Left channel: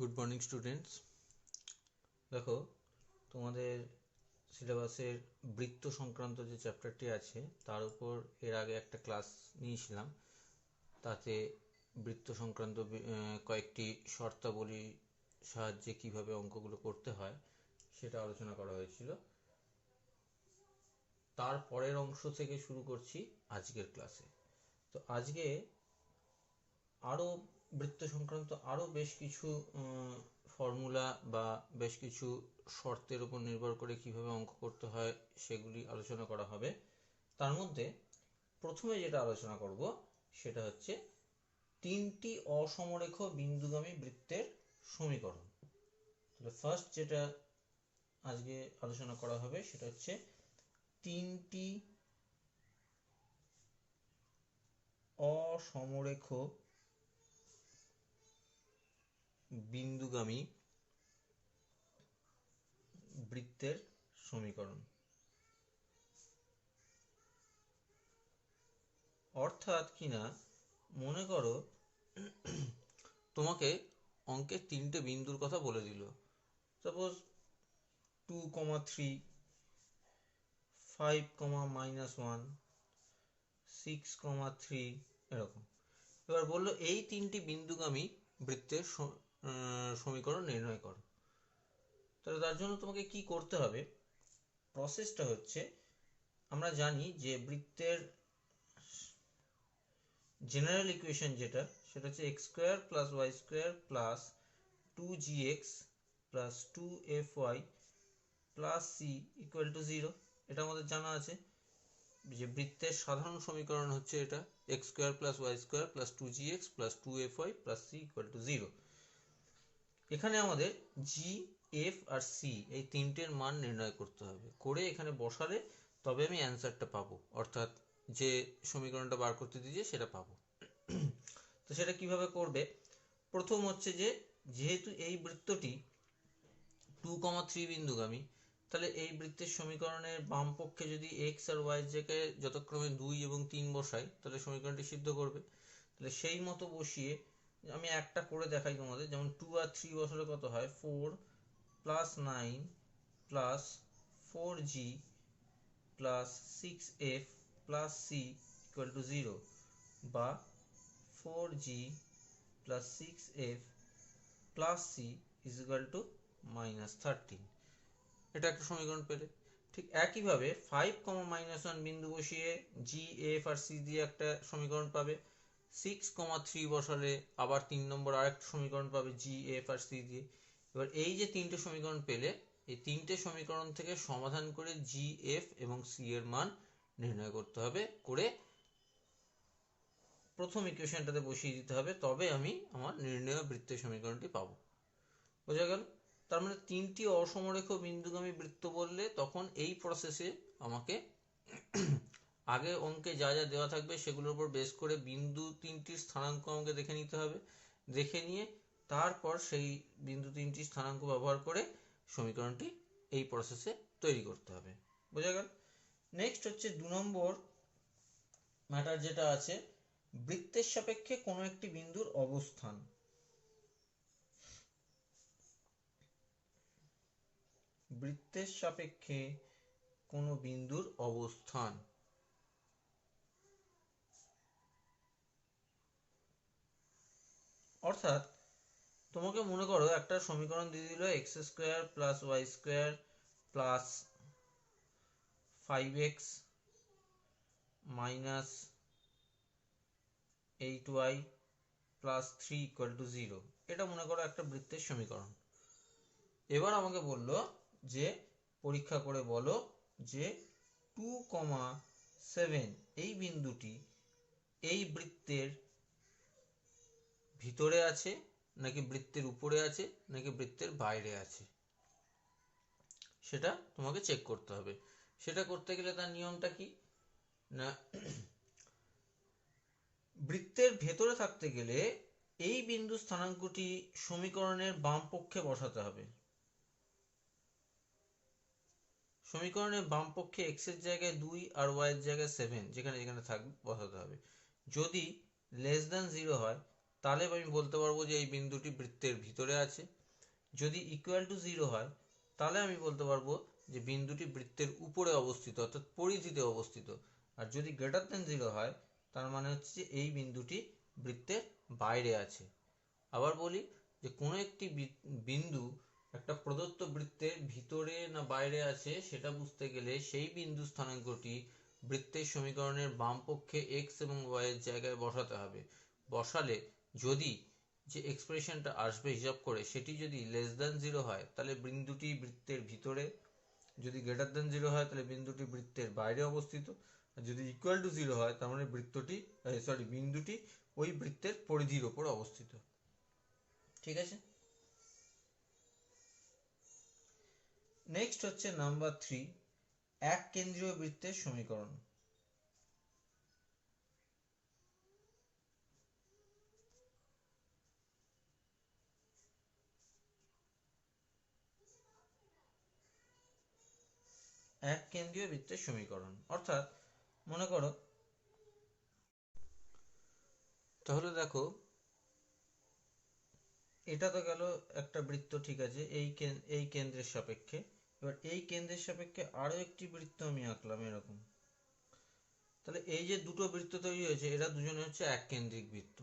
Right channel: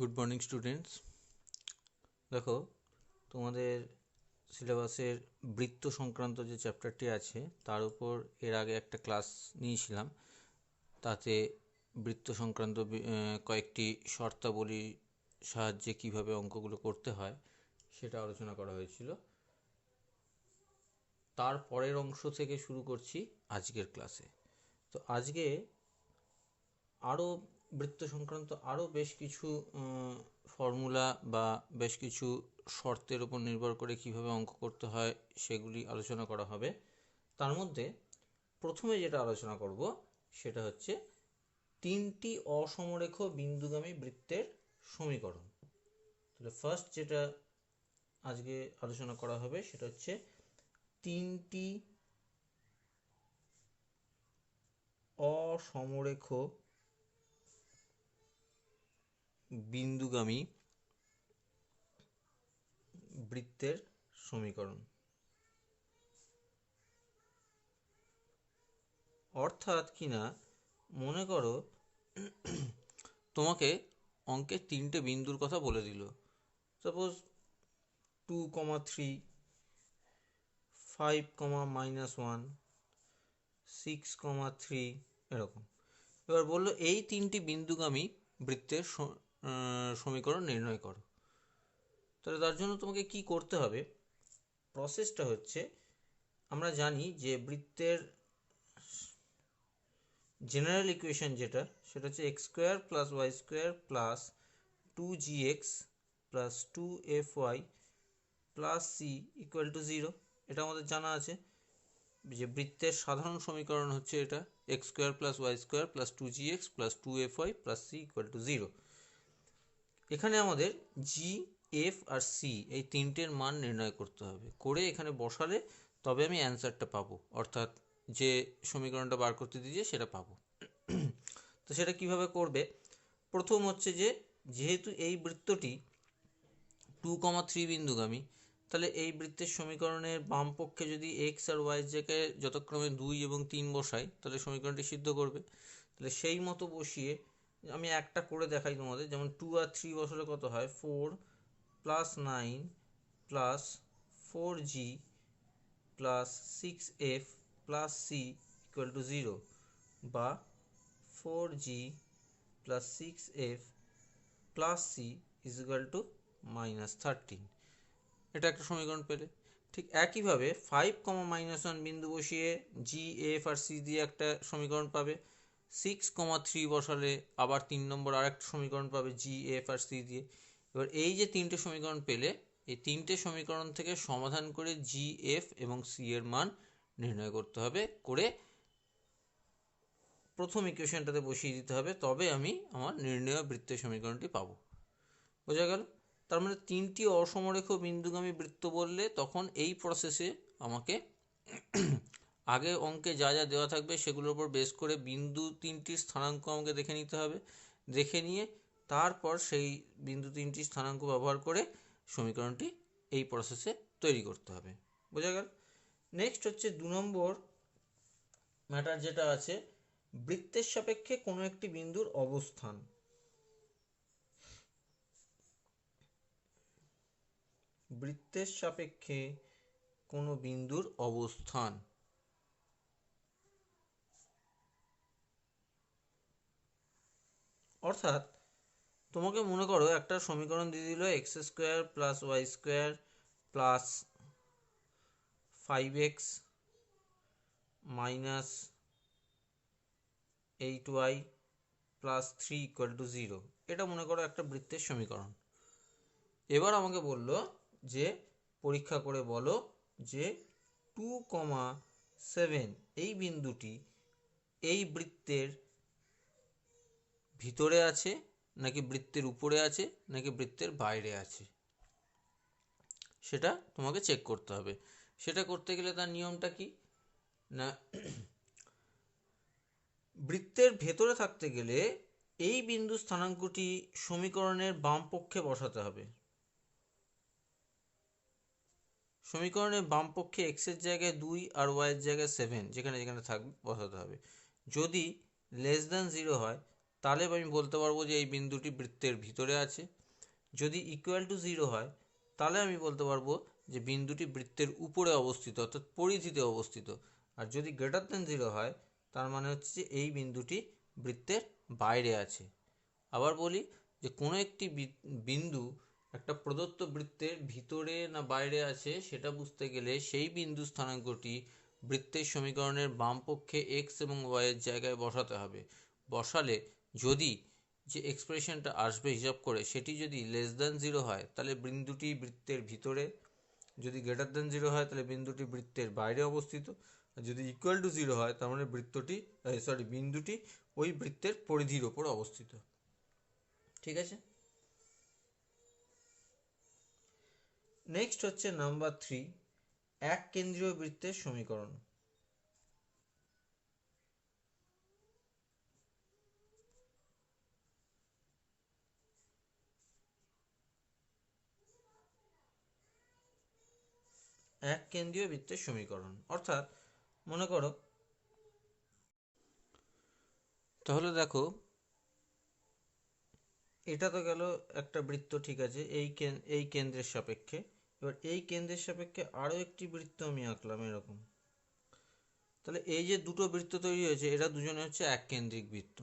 Good morning students. দেখো, তোমাদের সিলেবাসের বৃত্ত সংক্রান্ত যে চ্যাপ্টারটি আছে তার উপর এর আগে একটা ক্লাস নিয়েছিলাম। তাতে বৃত্ত সংক্রান্ত কয়েকটি শর্তাবলী সাহায্যে কিভাবে অঙ্কগুলো করতে হয় সেটা আলোচনা করা হয়েছিল। তার পরের অংশ থেকে শুরু করছি আজকের ক্লাসে। তো আজকে আরও বৃত্ত সংক্রান্ত আরও বেশ কিছু ফর্মুলা বা বেশ কিছু শর্তের উপর নির্ভর করে কিভাবে অঙ্ক করতে হয় সেগুলি আলোচনা করা হবে। তার মধ্যে প্রথমে যেটা আলোচনা করব সেটা হচ্ছে তিনটি অসমরেখ বিন্দুগামী বৃত্তের সমীকরণ। তাহলে ফার্স্ট যেটা আজকে আলোচনা করা হবে সেটা হচ্ছে তিনটি অসমরেখ বিন্দুগামী বৃত্তের সমীকরণ। অর্থাৎ কিনা মনে করো তোমাকে অঙ্কে তিনটে বিন্দুর কথা বলে দিল, সাপোজ 2,3, 5,-1, 6,3 এরকম। এবার বললো এই তিনটি বিন্দুগামী বৃত্তের সমীকরণ নির্ণয় করো। তাহলে তার জন্য তোমাকে কি করতে হবে, প্রসেসটা হচ্ছে আমরা জানি যে বৃত্তের জেনারেল ইকুয়েশন যেটা সেটা হচ্ছে x square plus y square plus 2gx plus 2fy plus c equal to 0। এটা আমাদের জানা আছে যে বৃত্তের সাধারণ সমীকরণ হচ্ছে এটা x square plus y square plus 2gx plus 2fy plus c equal to 0। এখানে আমাদের জি, এফ আর সি এই তিনটের মান নির্ণয় করতে হবে, করে এখানে বসালে তবে আমি অ্যান্সারটা পাবো, অর্থাৎ যে সমীকরণটা বার করতে দিয়েছে সেটা পাবো। তো সেটা কিভাবে করবে, প্রথম হচ্ছে যে যেহেতু এই বৃত্তটি 2,3 বিন্দুগামী, তাহলে এই বৃত্তের সমীকরণের বাম পক্ষে যদি এক্স আর ওয়াই জায়গায় যথাক্রমে 2 এবং 3 বসাই তাহলে সমীকরণটি সিদ্ধ করবে। তাহলে সেই মতো বসিয়ে আমি একটা করে দেখাই তোমাদের, যেমন 2 আর 3 বসালে কত হয়, 4 plus 9 plus 4g plus 6f plus c equal to 0, বা 4g plus 6f plus c is equal to -13। এটা একটা সমীকরণ পেলে। ঠিক একইভাবে 5,-1 বিন্দু বসিয়ে জি, এফ আর সি দিয়ে একটা সমীকরণ পাবে। 6,3 বসালে আবার 3 নম্বর আরেকটা সমীকরণ পাবে জি, এফ আর সি দিয়ে। এবার এই যে তিনটে সমীকরণ পেলে, এই তিনটে সমীকরণ থেকে সমাধান করে জি, এফ এবং সি এর মান নির্ণয় করতে হবে, করে প্রথম ইকুয়েশনটাতে বসিয়ে দিতে হবে, তবে আমি আমার নির্ণয় বৃত্তের সমীকরণটি পাবো। বোঝা গেল? তার মানে তিনটি অসমরেখ বিন্দুগামী বৃত্ত বললে তখন এই প্রসেসে আমাকে আগে অঙ্কে যা যা দেওয়া থাকবে সেগুলোর উপর বেস করে বিন্দু তিনটির স্থানাঙ্ক আমাকে দেখে নিতে হবে, দেখে নিয়ে তারপর সেই বিন্দু তিনটির স্থানাঙ্ক ব্যবহার করে সমীকরণটি এই প্রসেসে তৈরি করতে হবে। বোঝা গেল? নেক্সট হচ্ছে 2 নম্বর ম্যাটার যেটা আছে, বৃত্তের সাপেক্ষে কোনো একটি বিন্দুর অবস্থান। বৃত্তের সাপেক্ষে কোনো বিন্দুর অবস্থান। অর্থাৎ তোমাকে মনে করো একটা সমীকরণ দিয়ে দিল x square plus y square plus 5x minus 8y plus 3 equal to 0। এটা মনে করো একটা বৃত্তের সমীকরণ। এবার আমাকে বলল যে পরীক্ষা করে বলো যে 2,7 এই বিন্দুটি এই বৃত্তের ভিতরে আছে নাকি বৃত্তের উপরে আছে নাকি বৃত্তের বাইরে আছে, সেটা তোমাকে চেক করতে হবে। সেটা করতে গেলে তার নিয়মটা কি না, বৃত্তের ভেতরে থাকতে গেলে এই বিন্দু স্থানাঙ্কটি সমীকরণের বাম পক্ষে বসাতে হবে। সমীকরণের বাম পক্ষে x এর জায়গায় 2 আর y এর জায়গায় 7 যেখানে যেখানে থাকবে বসাতে হবে। যদি লেস দ্যান 0 হয় তাহলে আমি বলতে পারবো যে এই বিন্দুটি বৃত্তের ভিতরে আছে। যদি ইকুয়াল টু 0 হয় তাহলে আমি বলতে পারবো যে বিন্দুটি বৃত্তের উপরে অবস্থিত অর্থাৎ পরিধিতে অবস্থিত। আর যদি গ্রেটার দেন 0 হয় তার মানে হচ্ছে যে এই বিন্দুটি বৃত্তের বাইরে আছে। আবার বলি যে কোনো একটি বিন্দু একটা প্রদত্ত বৃত্তের ভিতরে না বাইরে আছে সেটা বুঝতে গেলে সেই বিন্দু স্থানাঙ্কটি বৃত্তের সমীকরণের বাম পক্ষে x এবং y এর জায়গায় বসাতে হবে। বসালে যদি যে এক্সপ্রেশনটা আসবে হিসাব করে সেটি যদি লেস দ্যান 0 হয় তাহলে বিন্দুটি বৃত্তের ভিতরে, যদি গ্রেটার দ্যান 0 হয় তাহলে বিন্দুটি বৃত্তের বাইরে অবস্থিত, আর যদি ইকুয়াল টু 0 হয় তার মানে বিন্দুটি ওই বৃত্তের পরিধির ওপর অবস্থিত। ঠিক আছে। নেক্সট হচ্ছে নাম্বার 3, এক কেন্দ্রীয় বৃত্তের সমীকরণ। এক কেন্দ্রীয় বৃত্তের সমীকরণ অর্থাৎ মনে করো, তাহলে দেখো এটা তো গেল একটা বৃত্ত, ঠিক আছে, এই কেন্দ্রের সাপেক্ষে। এবার এই কেন্দ্রের সাপেক্ষে আরো একটি বৃত্ত আমি আঁকলাম এরকম। তাহলে এই যে দুটো বৃত্ত তৈরি হয়েছে এরা দুজনে হচ্ছে এক কেন্দ্রিক বৃত্ত।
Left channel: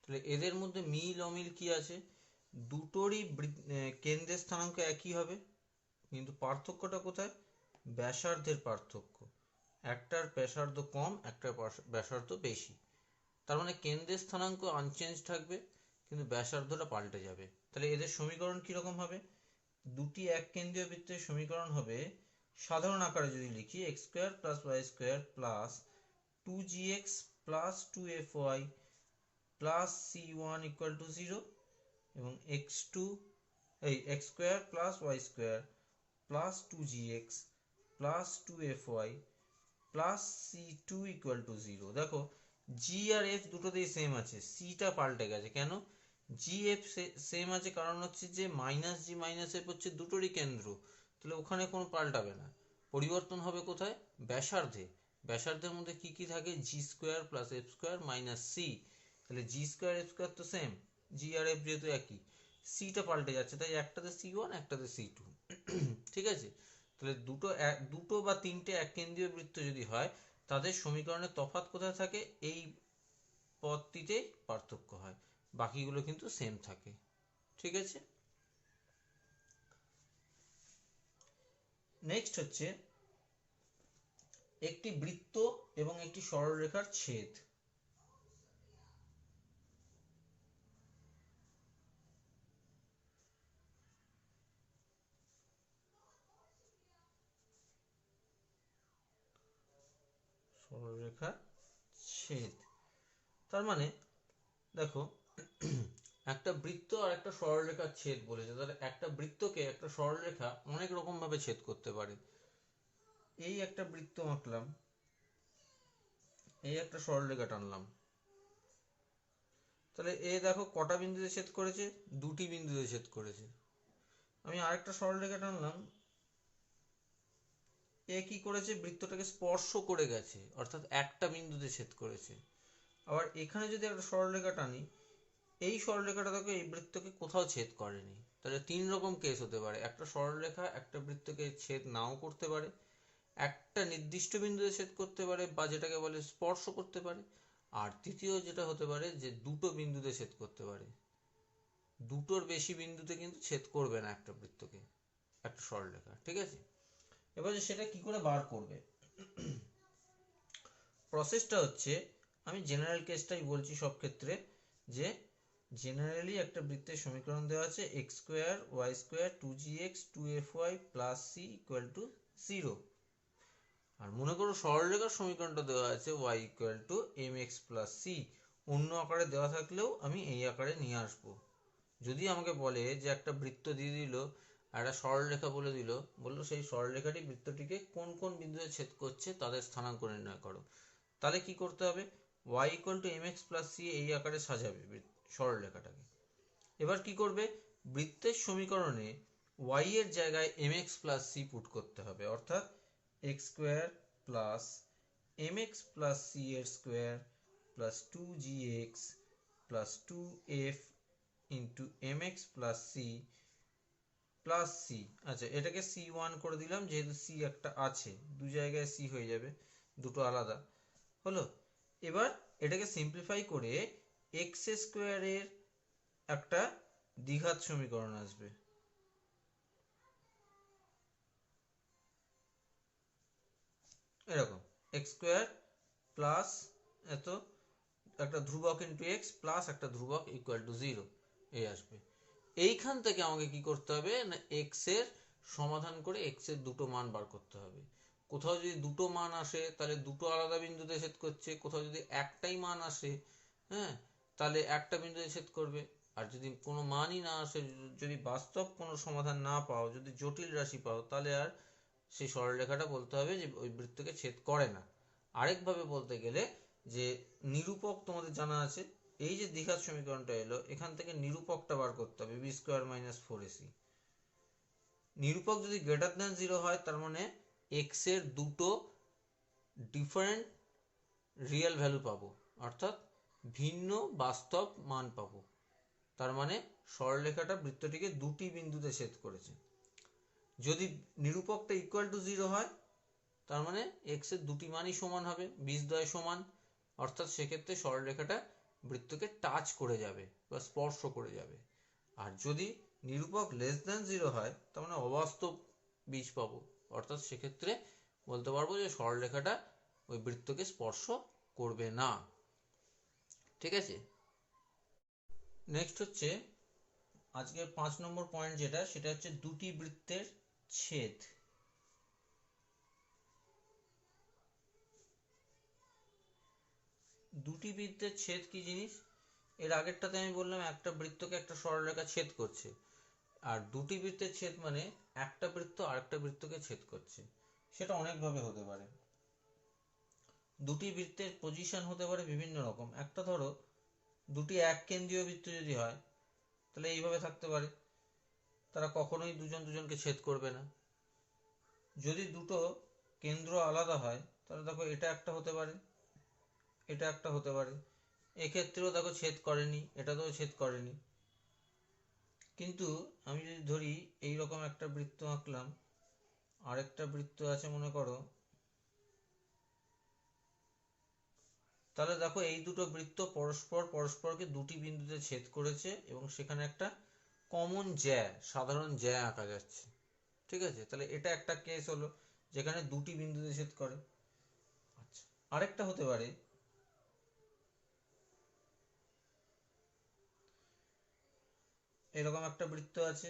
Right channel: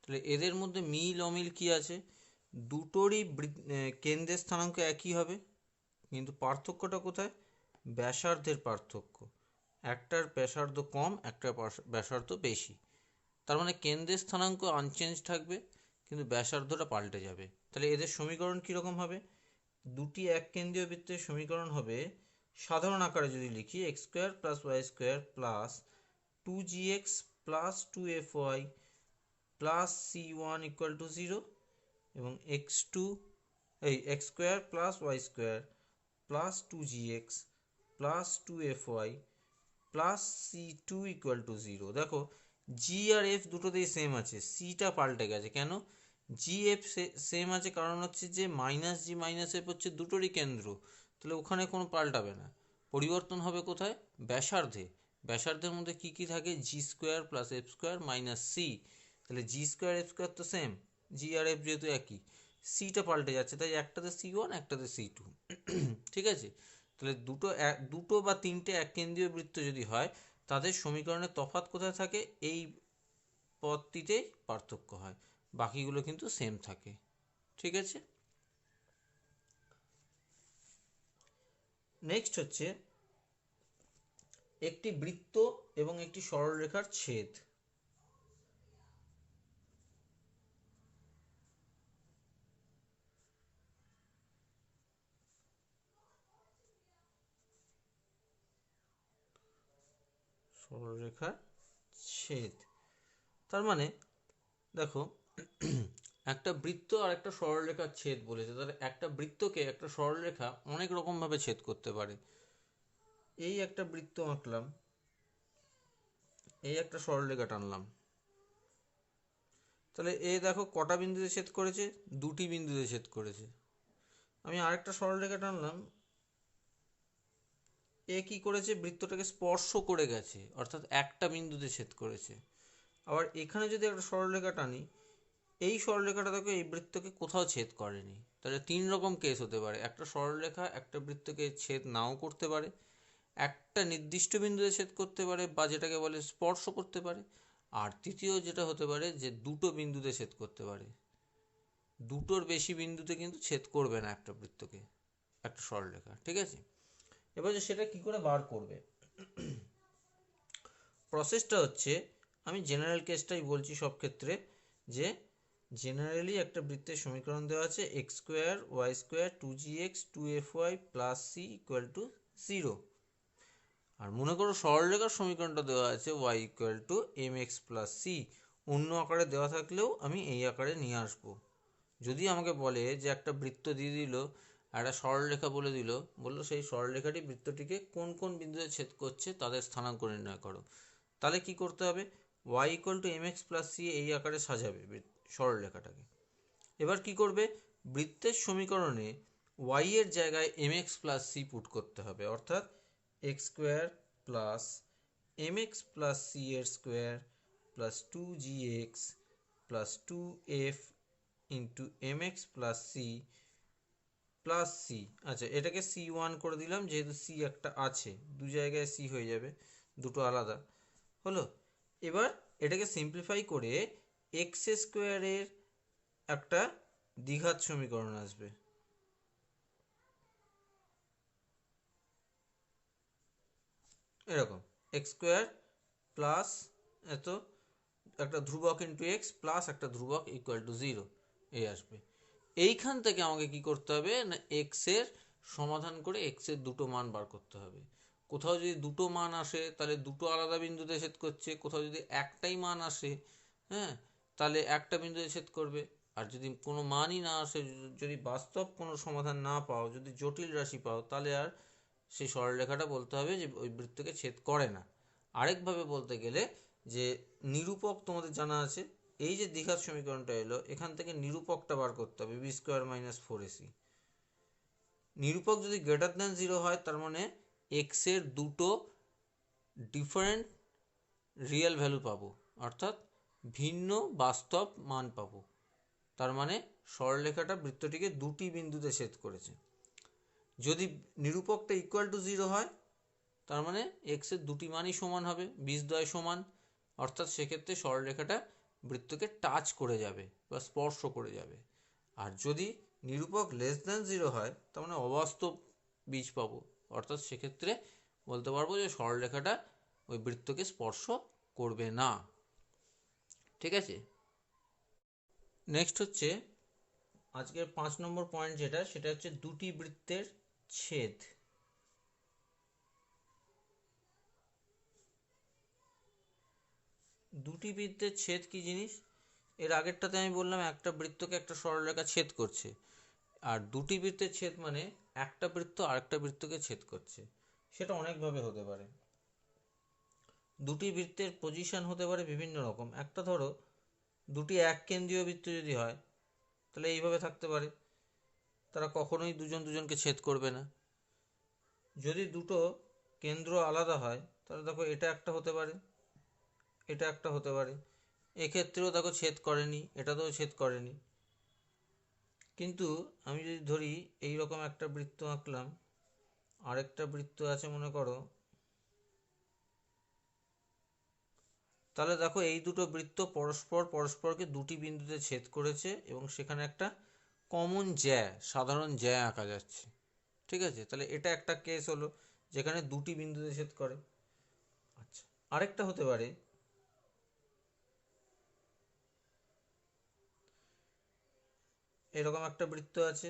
তাহলে এদের মধ্যে মিল অমিল কি আছে? দুটোরই কেন্দ্রের স্থানাঙ্ক একই হবে, কিন্তু পার্থক্যটা কোথায়? ব্যাসার্ধের পার্থক্য। একটার ব্যাসার্ধ কম, একটার ব্যাসার্ধ বেশি। তার মানে কেন্দ্রের স্থানাঙ্ক আনচেঞ্জ থাকবে কিন্তু ব্যাসার্ধটা পাল্টে যাবে। তাহলে এদের সমীকরণ কীরকম হবে? দুটি এক কেন্দ্রীয় বৃত্তের সমীকরণ হবে, সাধারণ আকারে যদি লিখি, x square plus y square plus 2gx plus 2fy plus c1 equal to 0 এবং x square plus y square plus 2gx plus 2fy plus c2 equal to 0। দেখো জি আর এফ দুটোতেই সেম আছে, সিটা পাল্টে গেছে। কেন? জি এফ সেম আছে কারণ হচ্ছে যে মাইনাস জি মাইনাস এফ হচ্ছে দুটোরই কেন্দ্র, তাহলে ওখানে কোনো পাল্টাবে না। পরিবর্তন হবে কোথায়? ব্যাসার্ধে। ব্যাসার্ধের মধ্যে কি কি থাকে? G square plus F square minus C. তাহলে জি স্কোয়ার এফ স্কোয়ার তো সেম, জি আর এফ যেহেতু একই, সিটা পাল্টে যাচ্ছে, তাই একটাতে c1 একটাতে c2। ঠিক আছে। তাহলে দুটো বা তিনটে এক কেন্দ্রীয় বৃত্ত যদি হয় তাদের সমীকরণের তফাৎ কোথায় থাকে? এই পদটিতে পার্থক্য হয়, বাকিগুলো কিন্তু সেম থাকে। ঠিক আছে। নেক্সট হচ্ছে একটি বৃত্ত এবং একটি সরলরেখার ছেদ। সরলরেখার ছেদ তার মানে দেখো একটা বৃত্ত আর একটা সরলরেখার ছেদ বলেছে, তাহলে একটা বৃত্তকে একটা সরলরেখা অনেক রকম ভাবে ছেদ করতে পারে। এই একটা বৃত্ত আঁকলাম, এই একটা সরলরেখা টানলাম, তাহলে এ দেখো কটা বিন্দুতে ছেদ করেছে? দুটি বিন্দুতে ছেদ করেছে। আমি আরেকটা সরলরেখা টানলাম, এ কি করেছে? বৃত্তটাকে স্পর্শ করে গেছে, অর্থাৎ একটা বিন্দুতে ছেদ করেছে। আবার এখানে যদি একটা সরলরেখা টানি, এই সরলরেখাটা দেখো এই বৃত্তকে কোথাও ছেদ করেনি। তাহলে তিন রকম কেস হতে পারে, একটা সরলরেখা একটা বৃত্তকে ছেদ নাও করতে পারে, একটা নির্দিষ্ট বিন্দুতে ছেদ করতে পারে বা যেটাকে বলে স্পর্শ করতে পারে, আর তৃতীয় যেটা হতে পারে যে দুটো বিন্দুতে ছেদ করতে পারে। দুটোর বেশি বিন্দুতে কিন্তু ছেদ করবে না একটা বৃত্তকে একটা সরলরেখা। ঠিক আছে। এবার সেটা কি করে বার করবে? প্রসেসটা হচ্ছে, আমি জেনারেল কেসটাই বলছি সব ক্ষেত্রে, যে জেনারেলি একটা বৃত্তের সমীকরণ দেওয়া আছে x square y square 2gx 2fy plus c equal to 0। আর মনে করো সরলরেখার সমীকরণটা দেওয়া আছে y equal to mx plus c. অন্য আকারে দেওয়া থাকলেও আমি এই আকারে নিয়ে আসবো। যদি আমাকে বলে যে একটা বৃত্ত দিয়ে দিল আর একটা সরলরেখা বলে দিল, বললো সেই সরলরেখাটি বৃত্তটিকে কোন কোন বিন্দুতে ছেদ করছে তাদের স্থানাঙ্ক নির্ণয় করো, তাহলে কি করতে হবে? y equal to mx plus c এই আকারে সাজাবে সরলরেখাটাকে। এবার কি করবে? বৃত্তের সমীকরণে y এর জায়গায় mx প্লাস সি পুট করতে হবে, অর্থাৎ X square plus mx plus C এর square plus 2gx plus 2f into mx plus c plus C. আচ্ছা, এটাকে c1 করে দিলাম, যেহেতু c একটা আছে, দু জায়গায় c হয়ে যাবে, দুটো আলাদা হলো। এবার এটাকে সিম্পলিফাই করে এক্স স্কোয়ারের একটা দ্বিঘাত সমীকরণ আসবে। এরকম এক্স স্কোয়ার প্লাস এত একটা ধ্রুবক ইন্টু এক্স প্লাস একটা ধ্রুবক ইকুয়াল টু 0 এই আসবে। এইখান থেকে আমাকে কি করতে হবে না, এক্স এর সমাধান করে এক্স এর দুটো মান বার করতে হবে। কোথাও যদি দুটো মান আসে তাহলে দুটো আলাদা বিন্দুতে ছেদ করছে, কোথাও যদি একটাই মান আসে, হ্যাঁ, তাহলে একটা বিন্দুতে ছেদ করবে। আর যদি কোনো মানই না আসে, যদি বাস্তব কোনো সমাধান না পাও, যদি জটিল রাশি পাও, তাহলে আর সেই সরলরেখাটা বলতে হবে যে ওই বৃত্তকে ছেদ করে না। আরেকভাবে বলতে গেলে যে নিরূপক তোমাদের জানা আছে, এই যে দ্বিঘাত সমীকরণটা এলো, এখান থেকে নিরূপকটা বার করতে হবে, বি স্কোয়ার মাইনাস 4ac। নিরূপক যদি গ্রেটার দ্যান 0 হয়, তার মানে এক্স এর দুটো ডিফারেন্ট রিয়েল ভ্যালু পাবো, অর্থাৎ ভিন্ন বাস্তব মান পাবো। তার মানে সরলরেখাটা বৃত্তটিকে দুটি বিন্দুতে ছেদ করেছে। যদি নিরূপকটা ইকুয়াল টু 0 হয়, তার মানে এক্স এর দুটি মানই সমান হবে, বীজদ্বয় সমান, অর্থাৎ সেক্ষেত্রে সরলরেখাটা বৃত্তকে টাচ করে যাবে বা স্পর্শ করে যাবে। আর যদি নিরূপক লেস দ্যান 0 হয়, তার মানে অবাস্তব বীজ পাবো, অর্থাৎ সেক্ষেত্রে বলতে পারবো যে সরলরেখাটা ওই বৃত্তকে স্পর্শ করবে না। ঠিক আছে, নেক্সট হচ্ছে আজকের 5 নম্বর পয়েন্ট, যেটা সেটা হচ্ছে দুটি বৃত্তের ছেদ। দুটি বৃত্তের ছেদ কি জিনিস? এর আগেরটাতে আমি বললাম একটা বৃত্তকে একটা সরলরেখা ছেদ করছে, আর দুটি বৃত্তের ছেদ মানে একটা বৃত্ত আরেকটা বৃত্তকে ছেদ করছে। সেটা অনেকভাবে হতে পারে। দুটি বৃত্তের পজিশন হতে পারে বিভিন্ন রকম। একটা ধরো দুটি এক কেন্দ্রীয় বৃত্ত যদি হয়, তাহলে এইভাবে থাকতে পারে, তারা কখনোই দুজন দুজনকে ছেদ করবে না। যদি দুটো কেন্দ্র আলাদা হয়, তাহলে দেখো এটা একটা হতে পারে, এটা একটা হতে পারে। এক্ষেত্রেও দেখো ছেদ করেনি, এটাতেও ছেদ করেনি। কিন্তু আমি যদি ধরি এইরকম একটা বৃত্ত আঁকলাম, আরেকটা বৃত্ত আছে মনে করো, তাহলে দেখো এই দুটো বৃত্ত পরস্পরকে দুটি বিন্দুতে ছেদ করেছে এবং সেখানে একটা কমন জ্যা, সাধারণ জ্যা আঁকা যাচ্ছে। ঠিক আছে, তাহলে এটা একটা কেস হলো যেখানে দুটি বিন্দুতে ছেদ করে। আচ্ছা, আরেকটা হতে পারে এরকম একটা বৃত্ত আছে,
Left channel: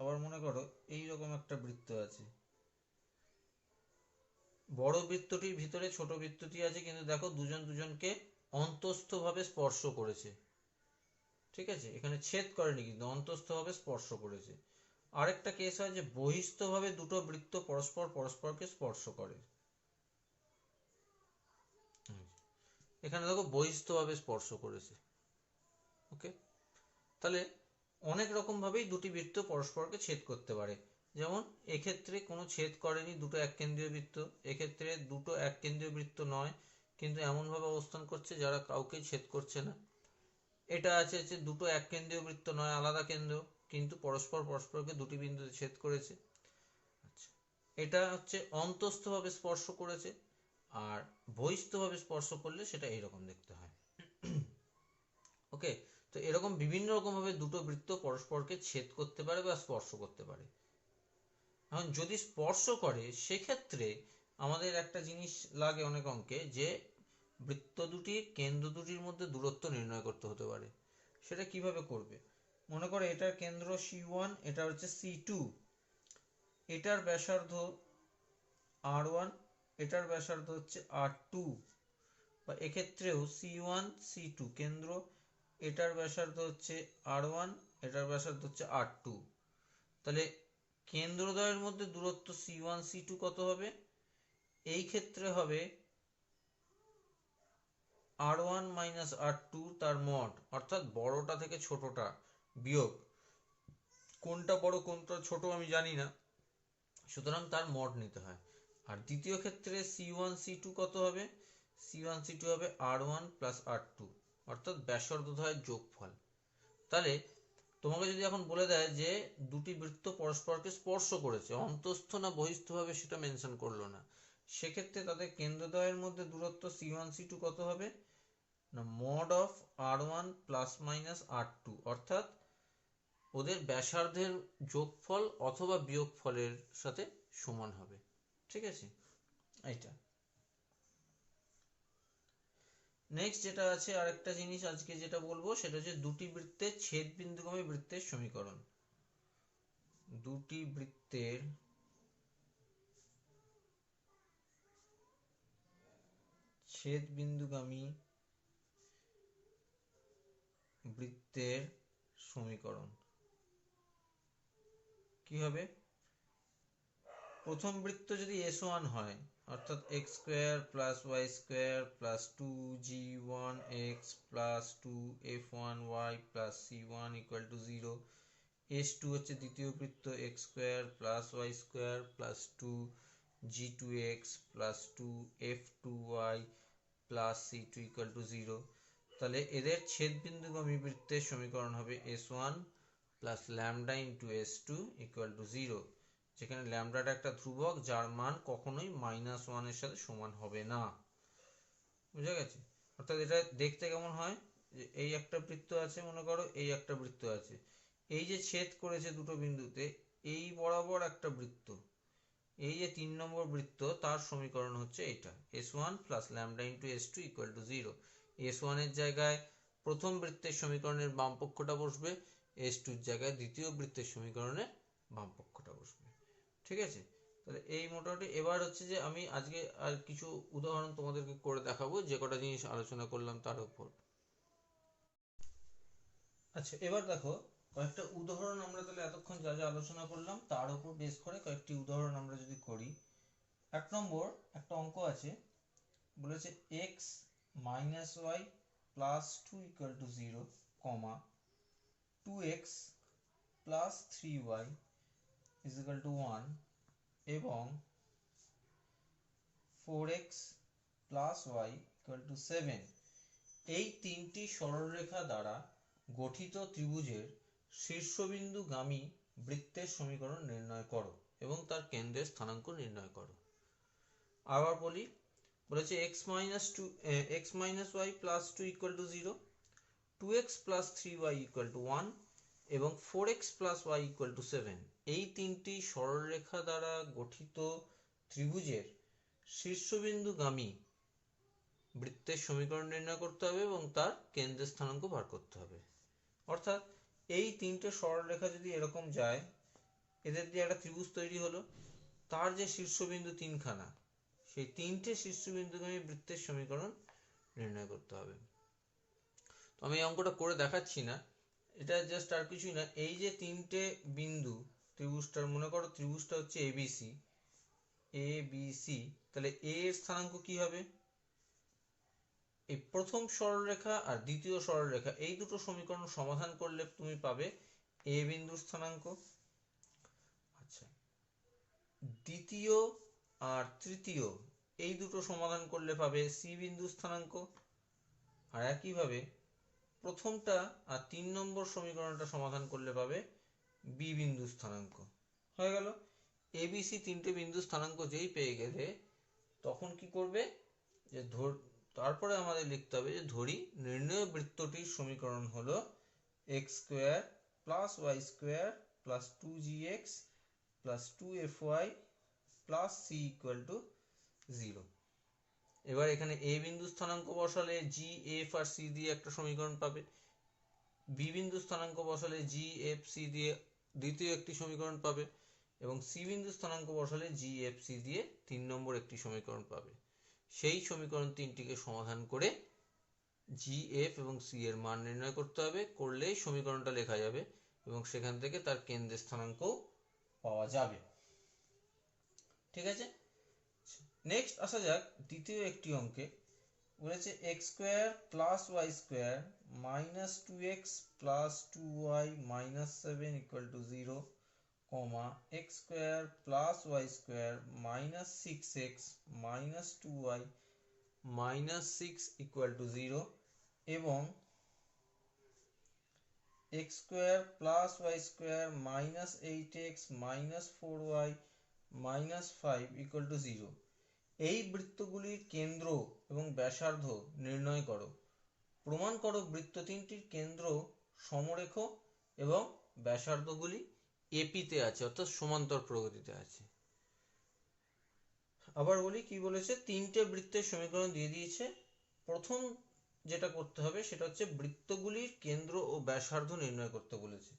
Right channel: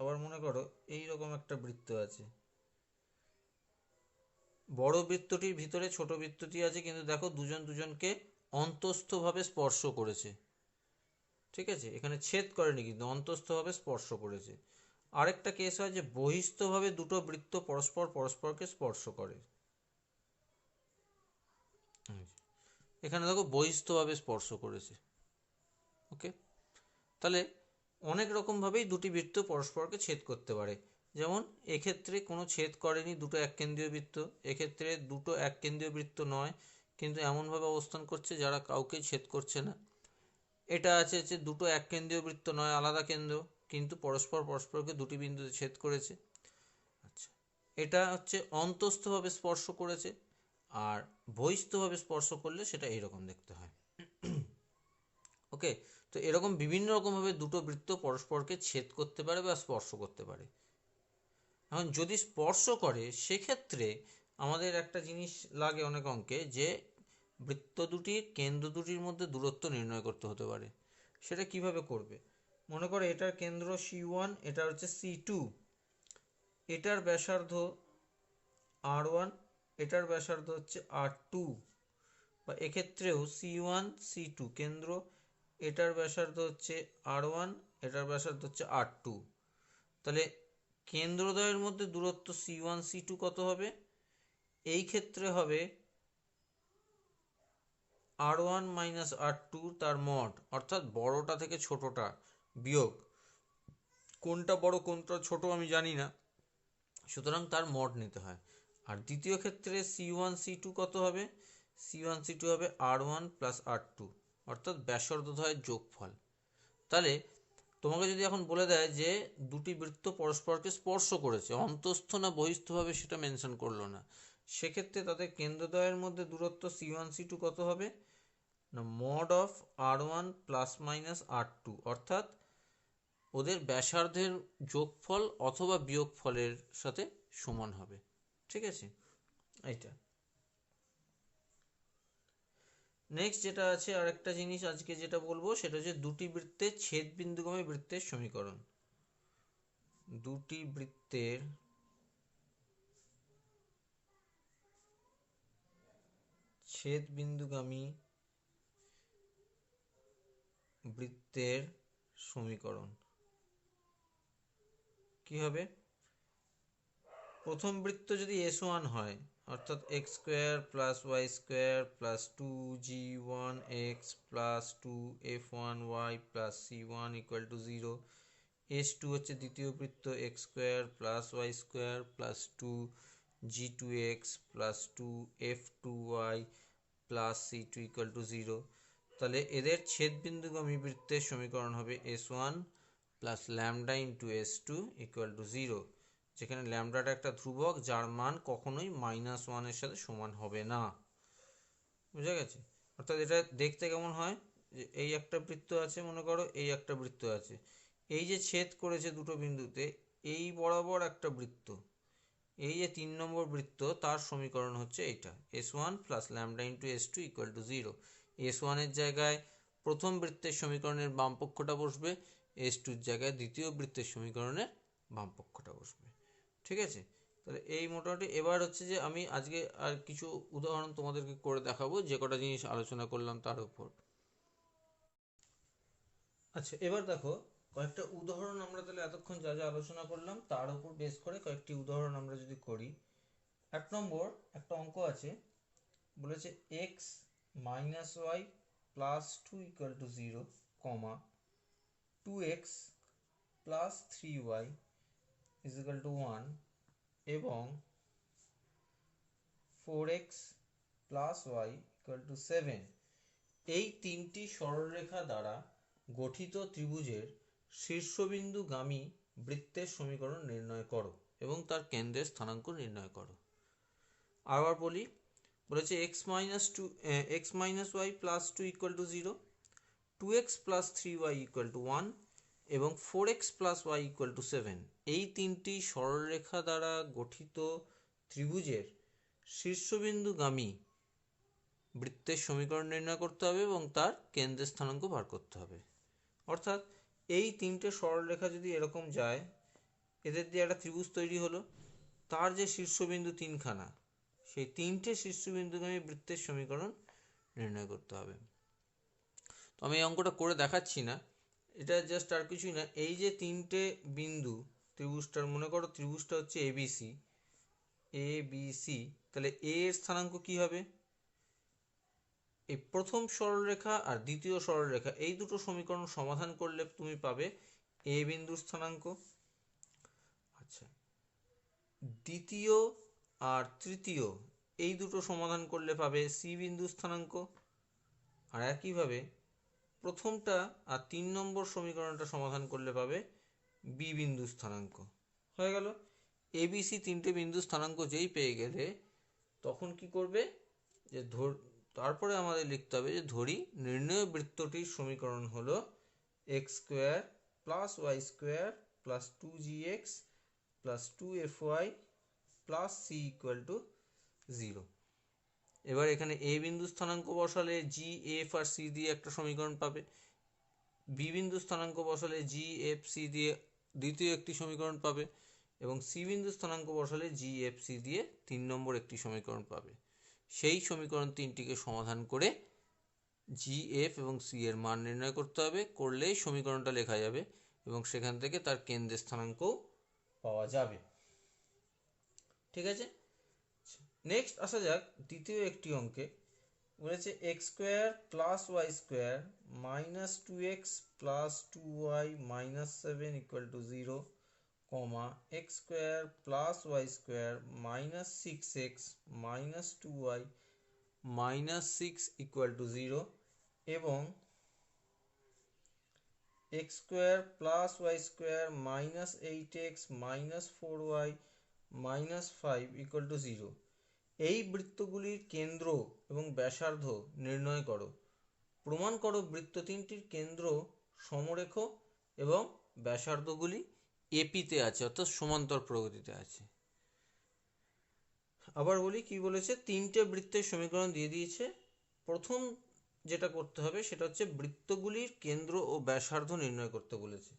আবার মনে করো এইরকম একটা বৃত্ত আছে। বড় বৃত্তটির ভিতরে ছোট বৃত্তটি আছে, কিন্তু দেখো দুজন দুজনকে অন্তস্থভাবে স্পর্শ করেছে। ঠিক আছে, এখানে ছেদ করেনি কিন্তু অন্তস্থভাবে স্পর্শ করেছে। আরেকটা কেস হয় যে বহিস্থভাবে দুটো বৃত্ত পরস্পরকে স্পর্শ করে। এখানে দেখো বহিস্থভাবে স্পর্শ করেছে। ওকে, তাহলে অনেক রকম ভাবেই দুটি বৃত্ত পরস্পরকে ছেদ করতে পারে। যেমন এক্ষেত্রে কোনো ছেদ করেনি, দুটো এক কেন্দ্রীয় বৃত্ত। এক্ষেত্রে দুটো এক কেন্দ্রীয় বৃত্ত নয়, কিন্তু এমনভাবে অবস্থান করছে যারা কাউকে ছেদ করছে না। এটা আছে যে দুটো এক কেন্দ্রীয় বৃত্ত নয়, আলাদা কেন্দ্র, কিন্তু পরস্পরকে দুটি বিন্দুতে ছেদ করেছে। আচ্ছা, এটা হচ্ছে অন্তস্থভাবে স্পর্শ করেছে, আর বহিস্থভাবে স্পর্শ করলে সেটা এইরকম দেখতে হয়। ওকে, তো এরকম বিভিন্ন রকমভাবে দুটো বৃত্ত পরস্পরকে ছেদ করতে পারে বা স্পর্শ করতে পারে। এখন যদি স্পর্শ করে, সেক্ষেত্রে আমাদের একটা জিনিস লাগে অনেক অঙ্কে, যে বৃত্ত দুটির কেন্দ্র দুটির মধ্যে দূরত্ব নির্ণয় করতে হতে পারে। সেটা কিভাবে করবে? মনে করো এটার কেন্দ্র C1, এটা হচ্ছে C2, এটার ব্যাসার্ধ R1, এটার ব্যাসার্ধ হচ্ছে R2, বা এক্ষেত্রেও C1 C2 কেন্দ্র, এটার ব্যাসার্ধ হচ্ছে R1, এটার ব্যাসার্ধ হচ্ছে R2। তাহলে কেন্দ্রদ্বয়ের মধ্যে দূরত্ব C1 C2 কত হবে? এই ক্ষেত্রে হবে R1 মাইনাস R2 তার মড, অর্থাৎ বড়টা থেকে ছোটটা বিয়োগ। কোনটা বড় কোনটা ছোট আমি জানি না, সুতরাং তার মড নিতে হয়। আর দ্বিতীয় ক্ষেত্রে C1 C2 কত হবে? C1 C2 হবে R1 প্লাস R2। অর্থাৎ ব্যাসার্ধদ্বয়ের যোগফল। তাহলে তোমাকে যদি এখন বলে দেয় যে দুটি বৃত্ত পরস্পরকে স্পর্শ করেছে, অন্তঃস্থ না বহিস্থভাবে সেটা মেনশন করলো না, সেক্ষেত্রে তাদের কেন্দ্রদ্বয়ের মধ্যে দূরত্ব C1 C2 কত হবে না mod of R1 plus minus R2, অর্থাৎ ওদের ব্যাসার্ধের যোগফল অথবা বিয়োগফলের সাথে সমান হবে। ঠিক আছে, এইটা। নেক্সট যেটা আছে আরেকটা জিনিস আজকে যেটা বলবো সেটা হচ্ছে দুটি বৃত্তের ছেদ বিন্দুগামী বৃত্তের সমীকরণ। দুটি বৃত্তের ছেদ বিন্দুগামী বৃত্তের সমীকরণ কি হবে? প্রথম বৃত্ত যদি S1 হয়, অর্থাৎ x square plus y square plus 2g1x plus 2f1y plus c1 equal to 0। S2 হচ্ছে দ্বিতীয় বৃত্ত x square plus y square plus 2g2x plus 2f2y plus c2 equal to 0। তাহলে এদের ছেদবিন্দুগামী বৃত্তের সমীকরণ হবে S1 plus lambda into S2 equal to 0, যেখানে ল্যামডাটা একটা ধ্রুবক যার মান কখনোই -1 এর সাথে সমান হবে না। বুঝা গেছে? অর্থাৎ এটা দেখতে কেমন হয়, যে এই একটা বৃত্ত আছে, মনে করো এই একটা বৃত্ত আছে, এই যে ছেদ করেছে দুটো বিন্দুতে, এই বরাবর একটা বৃত্ত, এই যে 3 নম্বর বৃত্ত, তার সমীকরণ হচ্ছে এটা S1 plus lambda into S2 equal to 0। S1 এর জায়গায় প্রথম বৃত্তের সমীকরণের বাম পক্ষটা বসবে, S2 এর জায়গায় দ্বিতীয় বৃত্তের সমীকরণের বাম পক্ষটা বসবে। ঠিক আছে, তাহলে এই মোটামুটি। এবার হচ্ছে যে আমি আজকে আর কিছু উদাহরণ তোমাদেরকে করে দেখাবো যে কটা জিনিস আলোচনা করলাম তার উপর। আচ্ছা, এবার দেখো কয়েকটা উদাহরণ আমরা তাহলে এতক্ষণ যা যা আলোচনা করলাম তার উপর বেস করে কয়েকটি উদাহরণ আমরা যদি করি। 1 নম্বর একটা অঙ্ক আছে, বলেছে x minus y plus 2 equal to 0, 2x plus 3y is equal to 1 এবং 4x plus Y equal to 7, এই তিনটি সরলরেখা দ্বারা গঠিত ত্রিভুজের শীর্ষবিন্দুগামী বৃত্তের সমীকরণ নির্ণয় করো এবং তার কেন্দ্রের স্থানাঙ্ক নির্ণয় করো। আবার বলি, বলেছে x minus y plus 2 equal to 0, 2x plus 3y equal to 1 এবং 4x plus Y equal to 7, এই তিনটি সরলরেখা দ্বারা গঠিত ত্রিভুজের শীর্ষবিন্দুগামী বৃত্তের সমীকরণ নির্ণয় করতে হবে এবং তার কেন্দ্রের স্থানাঙ্ক বার করতে হবে। অর্থাৎ এই তিনটে সরলরেখা যদি এরকম যায়, এদের দিয়ে একটা ত্রিভুজ তৈরি হলো, তার যে শীর্ষবিন্দু তিনখানা, সেই তিনটে শীর্ষবিন্দুগামী বৃত্তের সমীকরণ নির্ণয় করতে হবে। তো আমি এই অঙ্কটা করে দেখাচ্ছি না, এটা জাস্ট আর কিছুই না, এই যে তিনটে বিন্দু ত্রিভুজটার, মনে করো ত্রিভুজটা হচ্ছে এবিসি, তাহলে এ এর স্থানাঙ্ক কি হবে? এই প্রথম সরলরেখা আর দ্বিতীয় সরলরেখা, এই দুটো সমীকরণ সমাধান করলে তুমি পাবে এ বিন্দুর স্থানাঙ্ক। আচ্ছা, দ্বিতীয় আর তৃতীয় এই দুটো সমাধান করলে পাবে সি বিন্দুর স্থানাঙ্ক। আর একইভাবে প্রথমটা আর 3 নম্বর সমীকরণটা সমাধান করলে পাবে বি বিন্দুর স্থানাঙ্ক। হয়ে গেল। এবিসি তিনটে বিন্দু স্থানাঙ্ক যেই পেয়ে গেলে তখন কি করবে, যে তারপরে আমাদের লিখতে হবে যে ধরি নির্ণয় বৃত্তটির সমীকরণ হলো x square plus y square plus 2gx plus 2fy plus c equal to 0। এবার এখানে a বিন্দু স্থানাঙ্ক বসালে g f আর c দিয়ে একটা সমীকরণ পাবে, b বিন্দু স্থানাঙ্ক বসালে g f c দিয়ে দ্বিতীয় একটি সমীকরণ পাবে এবং c বিন্দু স্থানাঙ্ক বসালে g f c দিয়ে 3 নম্বর একটি সমীকরণ পাবে। সেই সমীকরণ তিনটিকে সমাধান করে জি এফ এবং সি এর মান নির্ণয় করতে হবে, করলেই সমীকরণটা লেখা যাবে এবং সেখান থেকে তার কেন্দ্রের স্থানাঙ্কও পাওয়া যাবে। ঠিক আছে, নেক্সট আসা যাক দ্বিতীয় একটি অঙ্কে। বলেছে x square plus y square minus 2x plus 2y minus 7 equal to 0, x square plus y square minus 6x minus 2y minus 6 equal to 0 এবং x square plus y square minus 8x minus 4y minus 5 equal to 0, এই বৃত্তগুলির কেন্দ্র এবং ব্যাসার্ধ নির্ণয় করো। প্রমাণ করো বৃত্ত তিনটির কেন্দ্র সমরেখ এবং ব্যাসার্ধগুলি এপিতে আছে, অর্থাৎ সমান্তর প্রগতিতে আছে। আবার বলি কি বলেছে, তিনটে বৃত্তের সমীকরণ দিয়ে দিয়েছে। প্রথম যেটা করতে হবে সেটা হচ্ছে বৃত্তগুলির কেন্দ্র ও ব্যাসার্ধ নির্ণয় করতে বলেছে।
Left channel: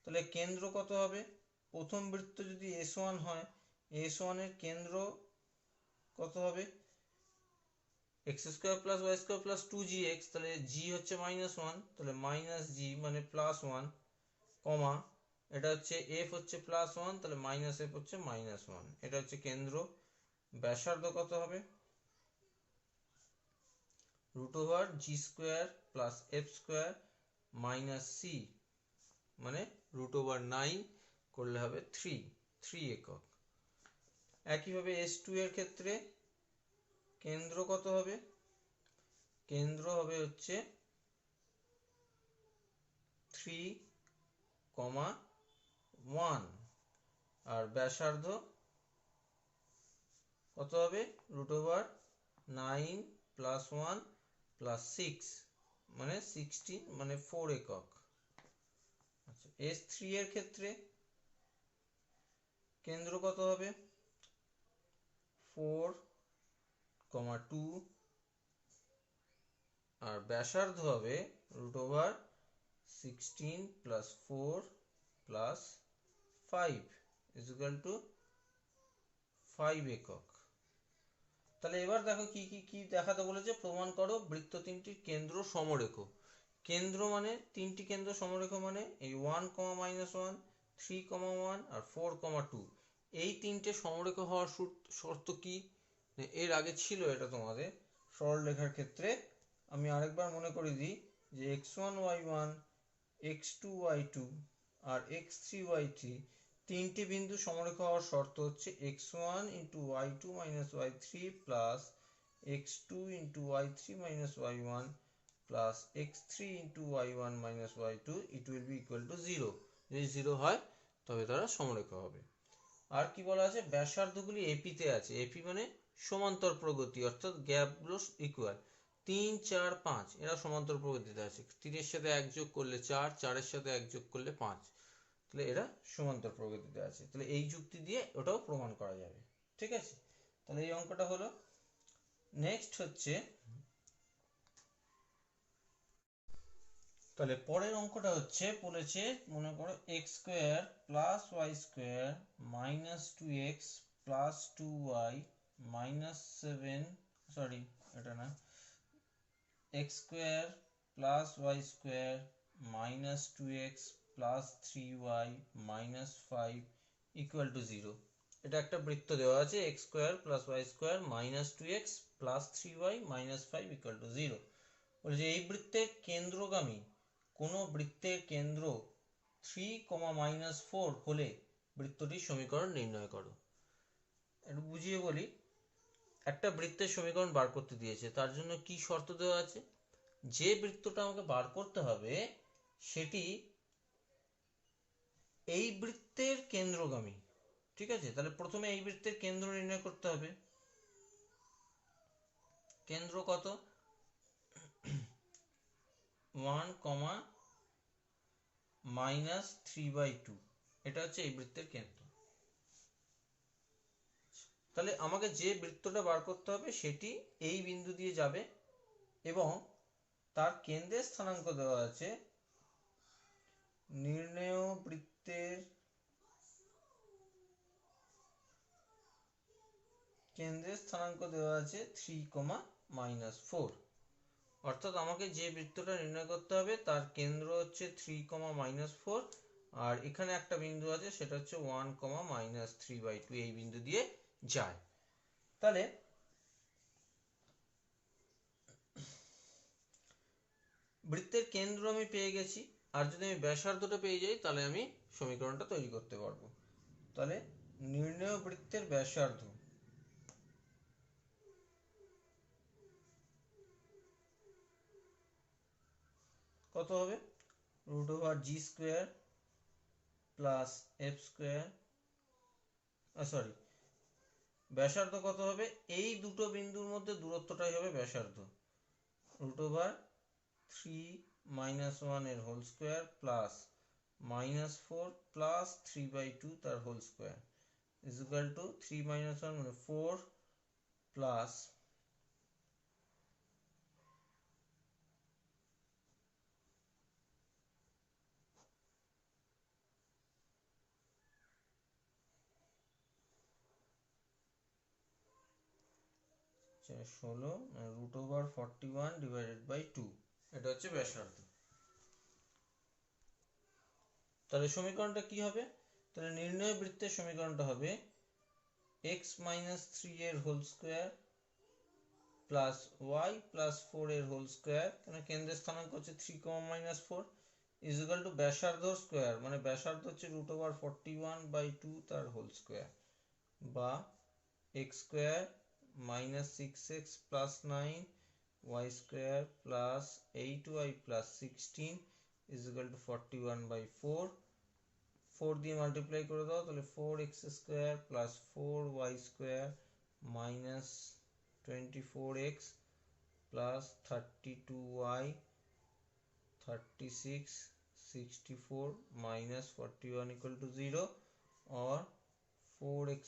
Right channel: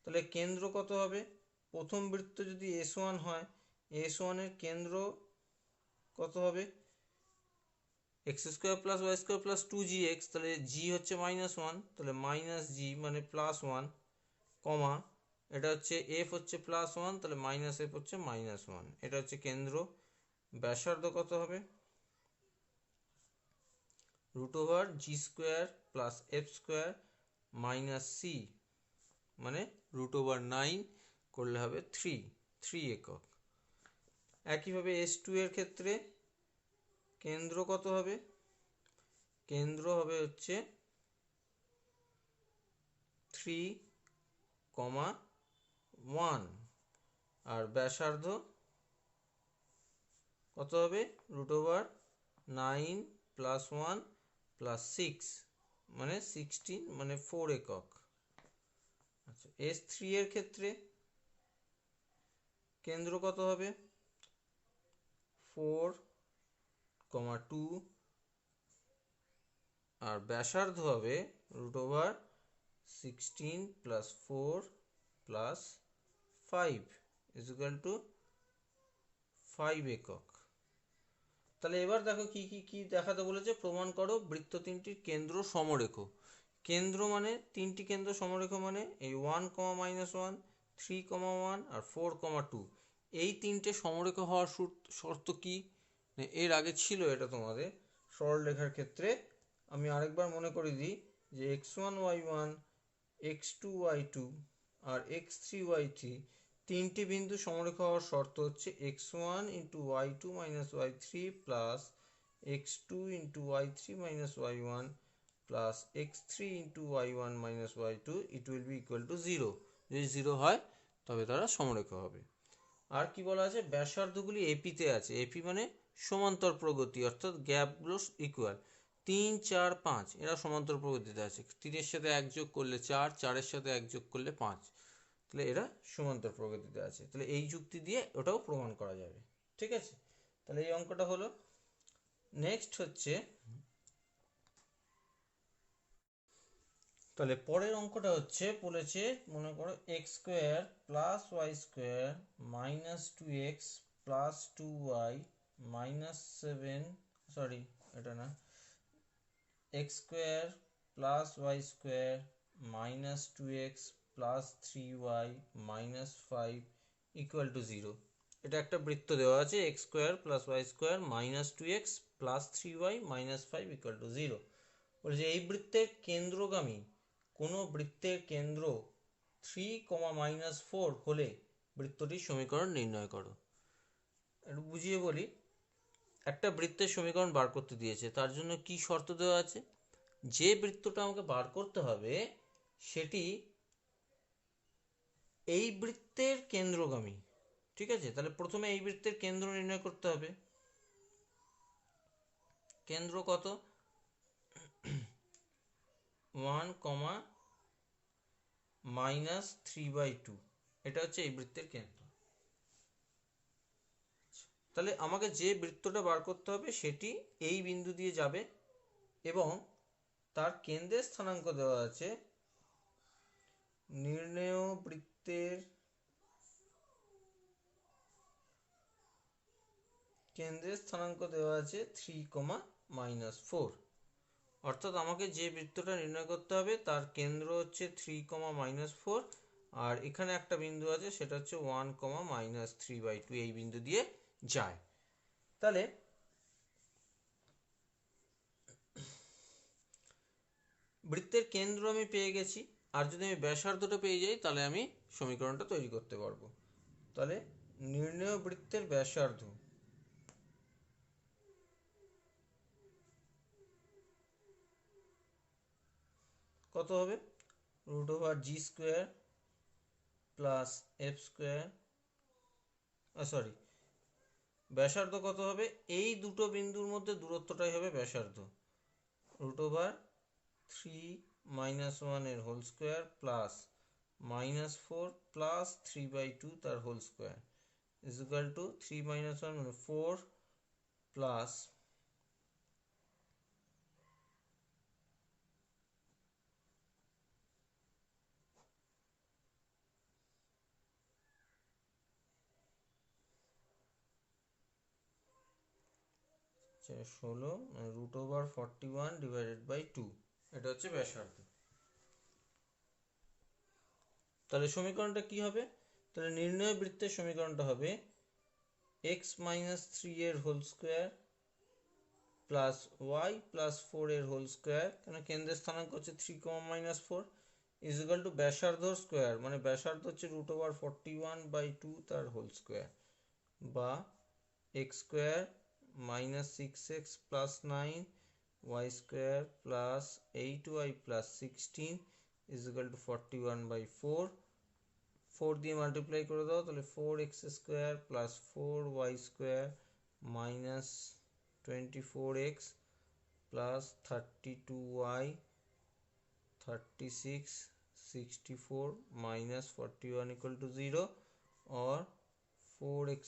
তাহলে কেন্দ্র কত হবে? প্রথম বৃত্ত যদি S1 হয়, S1 এর কেন্দ্র কত হবে? X square plus y square plus 2gx, তাহলে g হচ্ছে -1, তাহলে মাইনাস g মানে +1, কমা এটা হচ্ছে f হচ্ছে +1, তাহলে -f হচ্ছে -1, এটা হচ্ছে কেন্দ্র। ব্যাসার্ধ কত হবে? √g² plus f square minus c মানে √9 করলে হবে 3 একক। একইভাবে S2 এর ক্ষেত্রে কেন্দ্র কত হবে? কেন্দ্র হবে হচ্ছে 3,1 আর ব্যাসার্ধ কত হবে? √9 প্লাস 1 প্লাস 6 মানে 16 মানে 4 একক। আচ্ছা, S3 এর ক্ষেত্রে কেন্দ্র কত হবে? 4,2 আর ব্যাসার্ধ হবে √16 প্লাস 4 প্লাস 5 ইকুয়াল টু 5 একক। তাহলে এবার দেখো কি দেখাতে বলেছে, প্রমাণ করো বৃত্ত তিনটির কেন্দ্র সমরেখ। কেন্দ্র মানে তিনটি কেন্দ্র সমরেখ মানে এই 1, -1, 3, 1 আর 4, 2, এই তিনটে সমরেখ হওয়ার শর্ত কি? এর আগে ছিল এটা তোমাদের সরলরেখার ক্ষেত্রে। আমি আরেকবার মনে করে দিই যে x1 y1 x2 y2 আর x3 y3 তিনটি বিন্দু সমরেখ হওয়ার শর্ত হচ্ছে x1 × y2 - y3 plus x2 × y3 - y1 plus x3 × y1 - y2 it will be equal to 0। যদি 0 হয় তবে তারা সমরেখ হবে। আর কি বলা আছে? ব্যাসার্ধগুলি এপিতে আছে। এপি মানে সমান্তর প্রগতি, অর্থাৎ গ্যাপগুলো ইকুয়াল। 3, 4, 5 এরা সমান্তর প্রগতিতে আছে। 3-এর সাথে 1 যোগ করলে 4, 4-এর সাথে 1 যোগ করলে 5, তাহলে এরা সমান্তর প্রগতিতে আছে। তাহলে এই যুক্তি দিয়ে ওটাও প্রমাণ করা যাবে। ঠিক আছে, তাহলে এই অঙ্কটা হলো। নেক্সট হচ্ছে, তাহলে পরের অঙ্কটা হচ্ছে বলেছে, মনে করো x² plus y square minus 2x plus 2y minus 7, sorry এটা না, x² plus y square minus 2x plus 3y minus 5 equal to 0। এটা একটা বৃত্ত দেওয়া আছে, x² plus y square minus 2x plus 3y minus 5 equal to 0। বলছে এই বৃত্তের কেন্দ্রগামী কোন বৃত্তের কেন্দ্র 3, -4 হলে বৃত্তটির সমীকরণ নির্ণয় করো। একটু বুঝিয়ে বলি। একটা বৃত্তের সমীকরণ বার করতে দিয়েছে, তার জন্য কি শর্ত দেওয়া আছে? যে বৃত্তটা আমাকে বার করতে হবে সেটি এই বৃত্তের কেন্দ্রগামী। ঠিক আছে, তাহলে প্রথমে এই বৃত্তের কেন্দ্র নির্ণয় করতে হবে। কেন্দ্র কত? 1, -3/2, এটা হচ্ছে এই বৃত্তের কেন্দ্র। তাহলে আমাকে যে বৃত্তটা বার করতে হবে সেটি এই বিন্দু দিয়ে যাবে এবং তার কেন্দ্রের স্থানাঙ্ক দেওয়া আছে। নির্ণেয় বৃত্তের কেন্দ্রের স্থানাঙ্ক দেওয়া আছে 3, -4। অর্থাৎ আমাকে যে বৃত্তটা নির্ণয় করতে হবে তার কেন্দ্র হচ্ছে 3, -4 আর এখানে একটা বিন্দু আছে সেটা হচ্ছে 1, -3/2, এই বিন্দু দিয়ে যায়। তাহলে বৃত্তের কেন্দ্র আমি পেয়ে গেছি, আর যদি আমি ব্যাসার্ধটা পেয়ে যাই তাহলে আমি সমীকরণটা তৈরি করতে পারবো। তাহলে নির্ণেয় বৃত্তের ব্যাসার্ধ কত হবে √g² plus f square, sorry ব্যাসার্ধ কত হবে, এই দুটো বিন্দুর মধ্যে দূরত্বটাই হবে ব্যাসার্ধ, √3 - 1 এর হোল স্কোয়ার প্লাস -4 প্লাস 3/2 তার whole square is equal to 3 - 1 মানে 4 প্লাস √41/2, এটা হচ্ছে ব্যাসার্ধ। তাহলে সমীকরণটা কি হবে, তাহলে নির্ণয় বৃত্তের সমীকরণটা হবে x - 3 এর whole square plus y plus 4 এর হোল স্কোয়ার, কারণ কেন্দ্রের স্থানাঙ্ক হচ্ছে 3, -4 ইজ ইকুয়াল টু ব্যাসার্ধ স্কোয়ার, মানে ব্যাসার্ধ হচ্ছে √41/2 তার হোল স্কোয়ার, বা x² - 6x plus 9 y² plus 8y plus 16 is equal to 41/4, 4 দিয়ে মাল্টিপ্লাই করে দাও, তাহলে 4x² plus 4y² minus 24x plus 32y 36 64 minus 41 equal to 0 और 4x²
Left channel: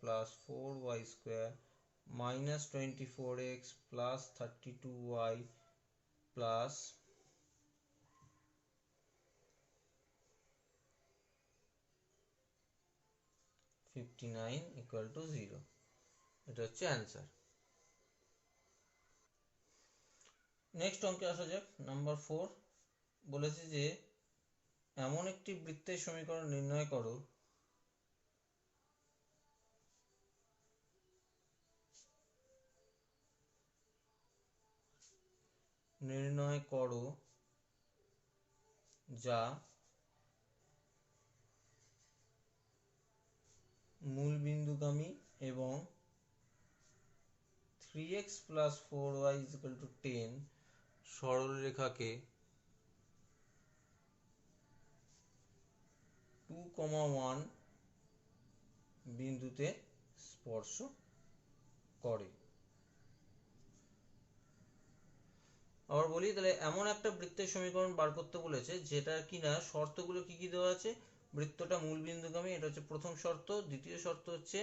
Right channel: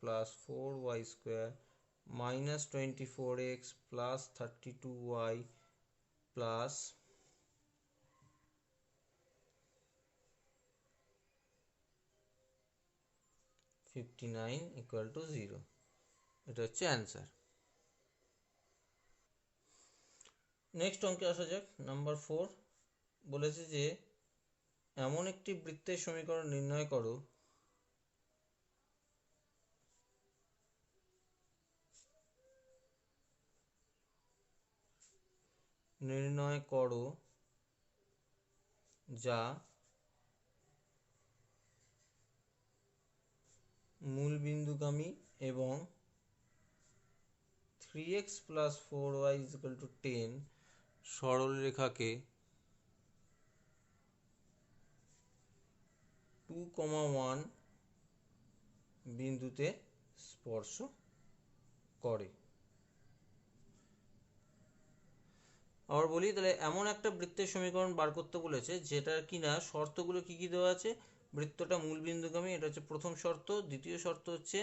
plus 4y² minus 24x plus 32y plus 59 equal to 0, এটা হচ্ছে answer. Next অঙ্কে আসা যাক, নাম্বার 4 বলেছে যে এমন একটি বৃত্তের সমীকরণ নির্ণয় করো যা মূলবিন্দুগামী এবং 3x plus 4y is equal to 10 সরলরেখাকে 2,1 বিন্দুতে স্পর্শ করে। আবার বলি, তাহলে এমন একটা বৃত্তের সমীকরণ বার করতে বলেছে যেটা কিনা শর্তগুলো কি কি দেওয়া আছে, বৃত্তটা মূলবিন্দুগামী, এটা হচ্ছে প্রথম শর্ত। দ্বিতীয় শর্ত হচ্ছে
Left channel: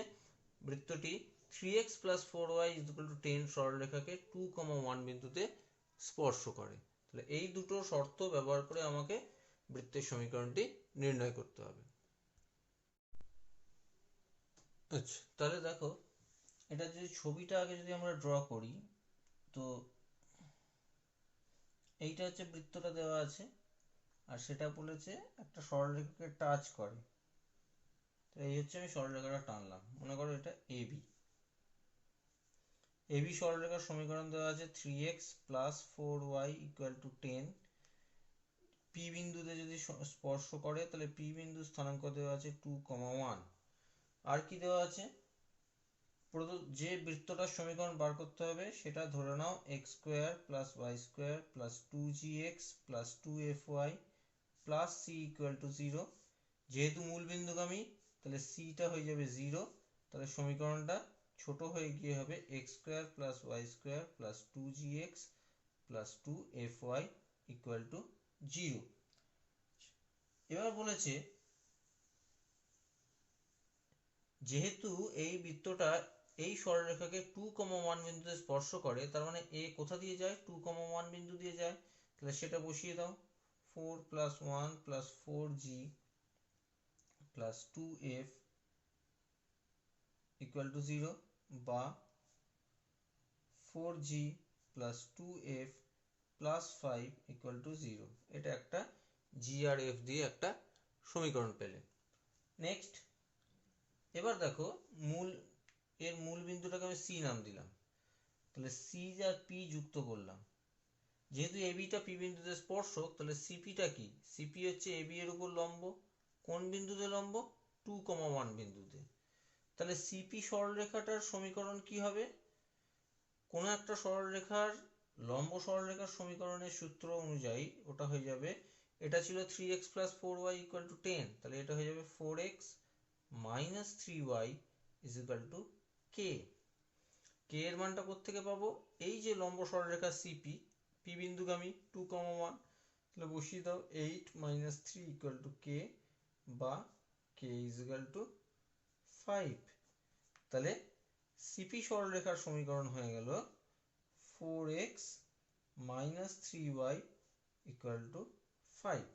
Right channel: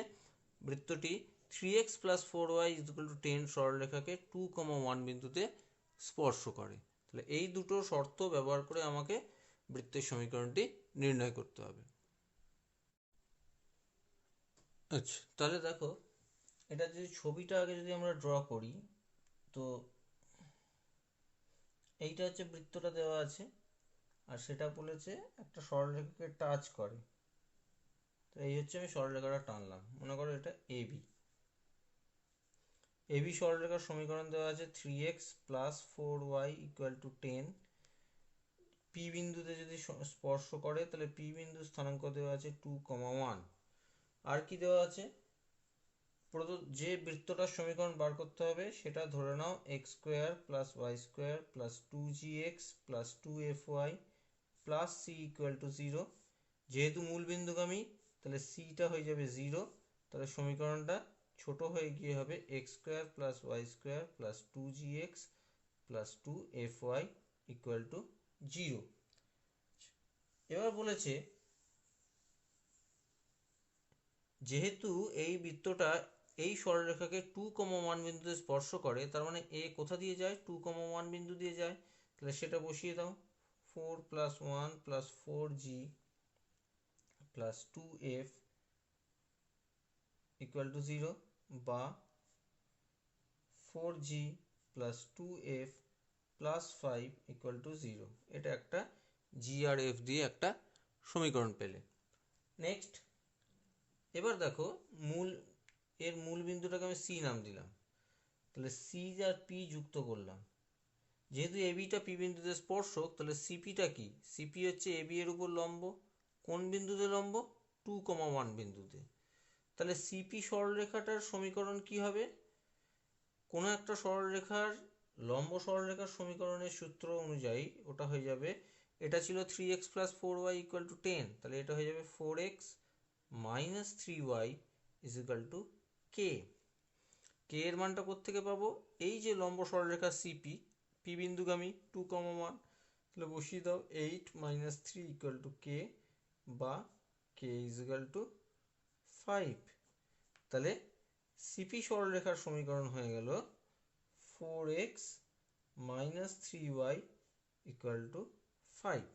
বৃত্তটি 3x plus 4y is equal to 10 সরলরেখাকে 2,1 বিন্দুতে স্পর্শ করে। তাহলে এই দুটো শর্ত ব্যবহার করে আমাকে বৃত্তের সমীকরণটি নির্ণয় করতে হবে। আচ্ছা, তাহলে দেখো, এটা যদি ছবিটা আগে যদি আমরা ড্র করি, তো এইটা হচ্ছে বৃত্তটা দেওয়া আছে, আর সেটা বলেছে একটা সরলরেখাকে টাচ করে। তো এই হচ্ছে আমি সরলরেখাটা টানলাম, মনে করো এটা AB। এবি সরলরেখার সমীকরণ দেওয়া আছে 3x plus 4y equal to 10। P বিন্দুতে যদি স্পর্শ করে তাহলে পি বিন্দুর স্থানাঙ্ক দেওয়া আছে 2,1। আর কি দেওয়া আছে, যে বৃত্তটার সমীকরণ বার করতে হবে সেটা ধরে নাও x² plus y² plus 2gx plus 2fy plus c equal to 0। যেহেতু মূলবিন্দুগামী তাহলে c-টা হয়ে যাবে 0, তাহলে সমীকরণটা ছোট হয়ে গিয়ে হবে x² plus y² plus 2gx plus 2fy equal to 0। এবার বলেছে যেহেতু এই বৃত্তটা এই সরলরেখাকে 2,1 বিন্দুতে স্পর্শ করে, তার মানে এ কোথা দিয়ে যায়, 2,1 বিন্দু দিয়ে যায়। তাহলে সেটা বসিয়ে দাও, 4 plus 1 plus 4g plus 2f equal to 0, বা 4g plus 2f plus 5 equal to 0। এটা একটা g আর f দিয়ে একটা সমীকরণ পেলে। নেক্সট, এবার দেখো এর মূল বিন্দুটাকে আমি সি নাম দিলাম, তাহলে সি আর পি যুক্ত করলাম। যেহেতু এবিটা পি বিন্দুতে স্পর্শক, তাহলে সিপিটা কি, সিপি হচ্ছে এবি এর উপর লম্ব। কোন বিন্দুতে লম্ব, 2,1 বিন্দুতে। তাহলে সিপি সরলরেখাটার সমীকরণ কি হবে, কোনো একটা সরলরেখার লম্ব সরলরেখার সমীকরণের সূত্র অনুযায়ী ওটা হয়ে যাবে, এটা ছিল 3x plus 4y equal to 10, তাহলে এটা হয়ে যাবে 4x minus 3y is equal to K. K এর মানটা কোত্থেকে পাবো? এই যে লম্ব সরলরেখা সিপি, পি বিন্দুগামী 2,1, তাহলে বসিয়ে দাও 8 মাইনাস 3 ইকুয়াল টু কে, বা কে ইজ ইকুয়াল টু 5। তাহলে সিপি সরলরেখার সমীকরণ হয়ে গেল 4x minus 3y equal two 5।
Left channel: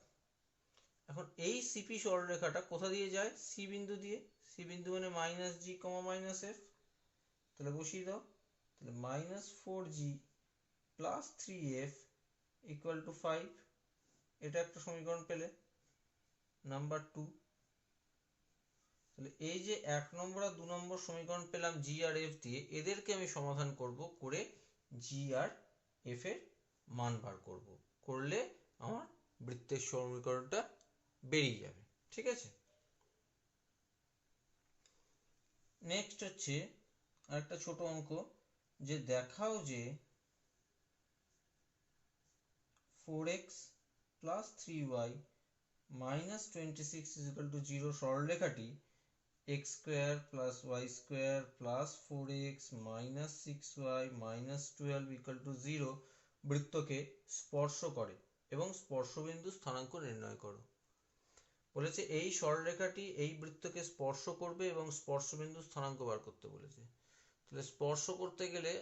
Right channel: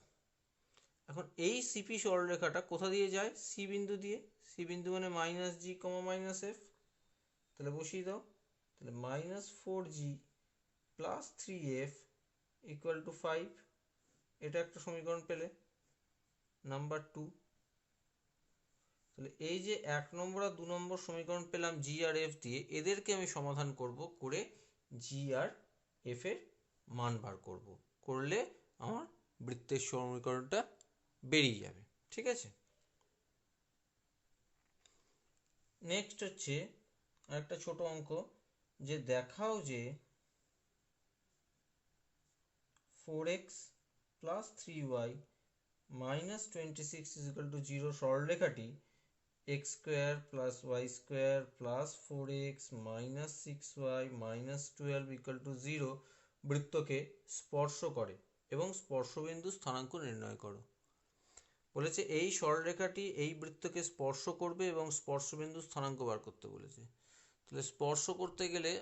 এখন এই সিপি সরলরেখাটা কোথা দিয়ে যায়? সি বিন্দু দিয়ে। সি বিন্দু মানে মাইনাস জি কমা মাইনাস এফ, তাহলে বসিয়ে দাও। তাহলে minus 4g plus 3f equal to 5, এটা একটা সমীকরণ পেলে, নাম্বার 2। তাহলে এই যে 1 নম্বর আর 2 নম্বর সমীকরণ পেলাম জি আর এফ দিয়ে, এদেরকে আমি সমাধান করব, করে জি আর এফ এর মান বার করব, করলে আমার বৃত্তের সমীকরণটা বেরিয়ে যাবে। ঠিক আছে, নেক্সট হচ্ছে আরেকটা ছোট অঙ্ক, যে দেখাও যে 4x plus 3y minus 26 is equal to 0 সরলরেখাটি x square plus y square plus 4x minus 6y minus 12 equal to 0 বৃত্তকে স্পর্শ করে এবং স্পর্শবিন্দু স্থানাঙ্ক নির্ণয় করো। বলেছে এই সরলরেখাটি এই বৃত্তকে স্পর্শ করবে এবং স্পর্শবিন্দু স্থানাঙ্ক বার করতে বলেছে। তাহলে স্পর্শ করতে গেলে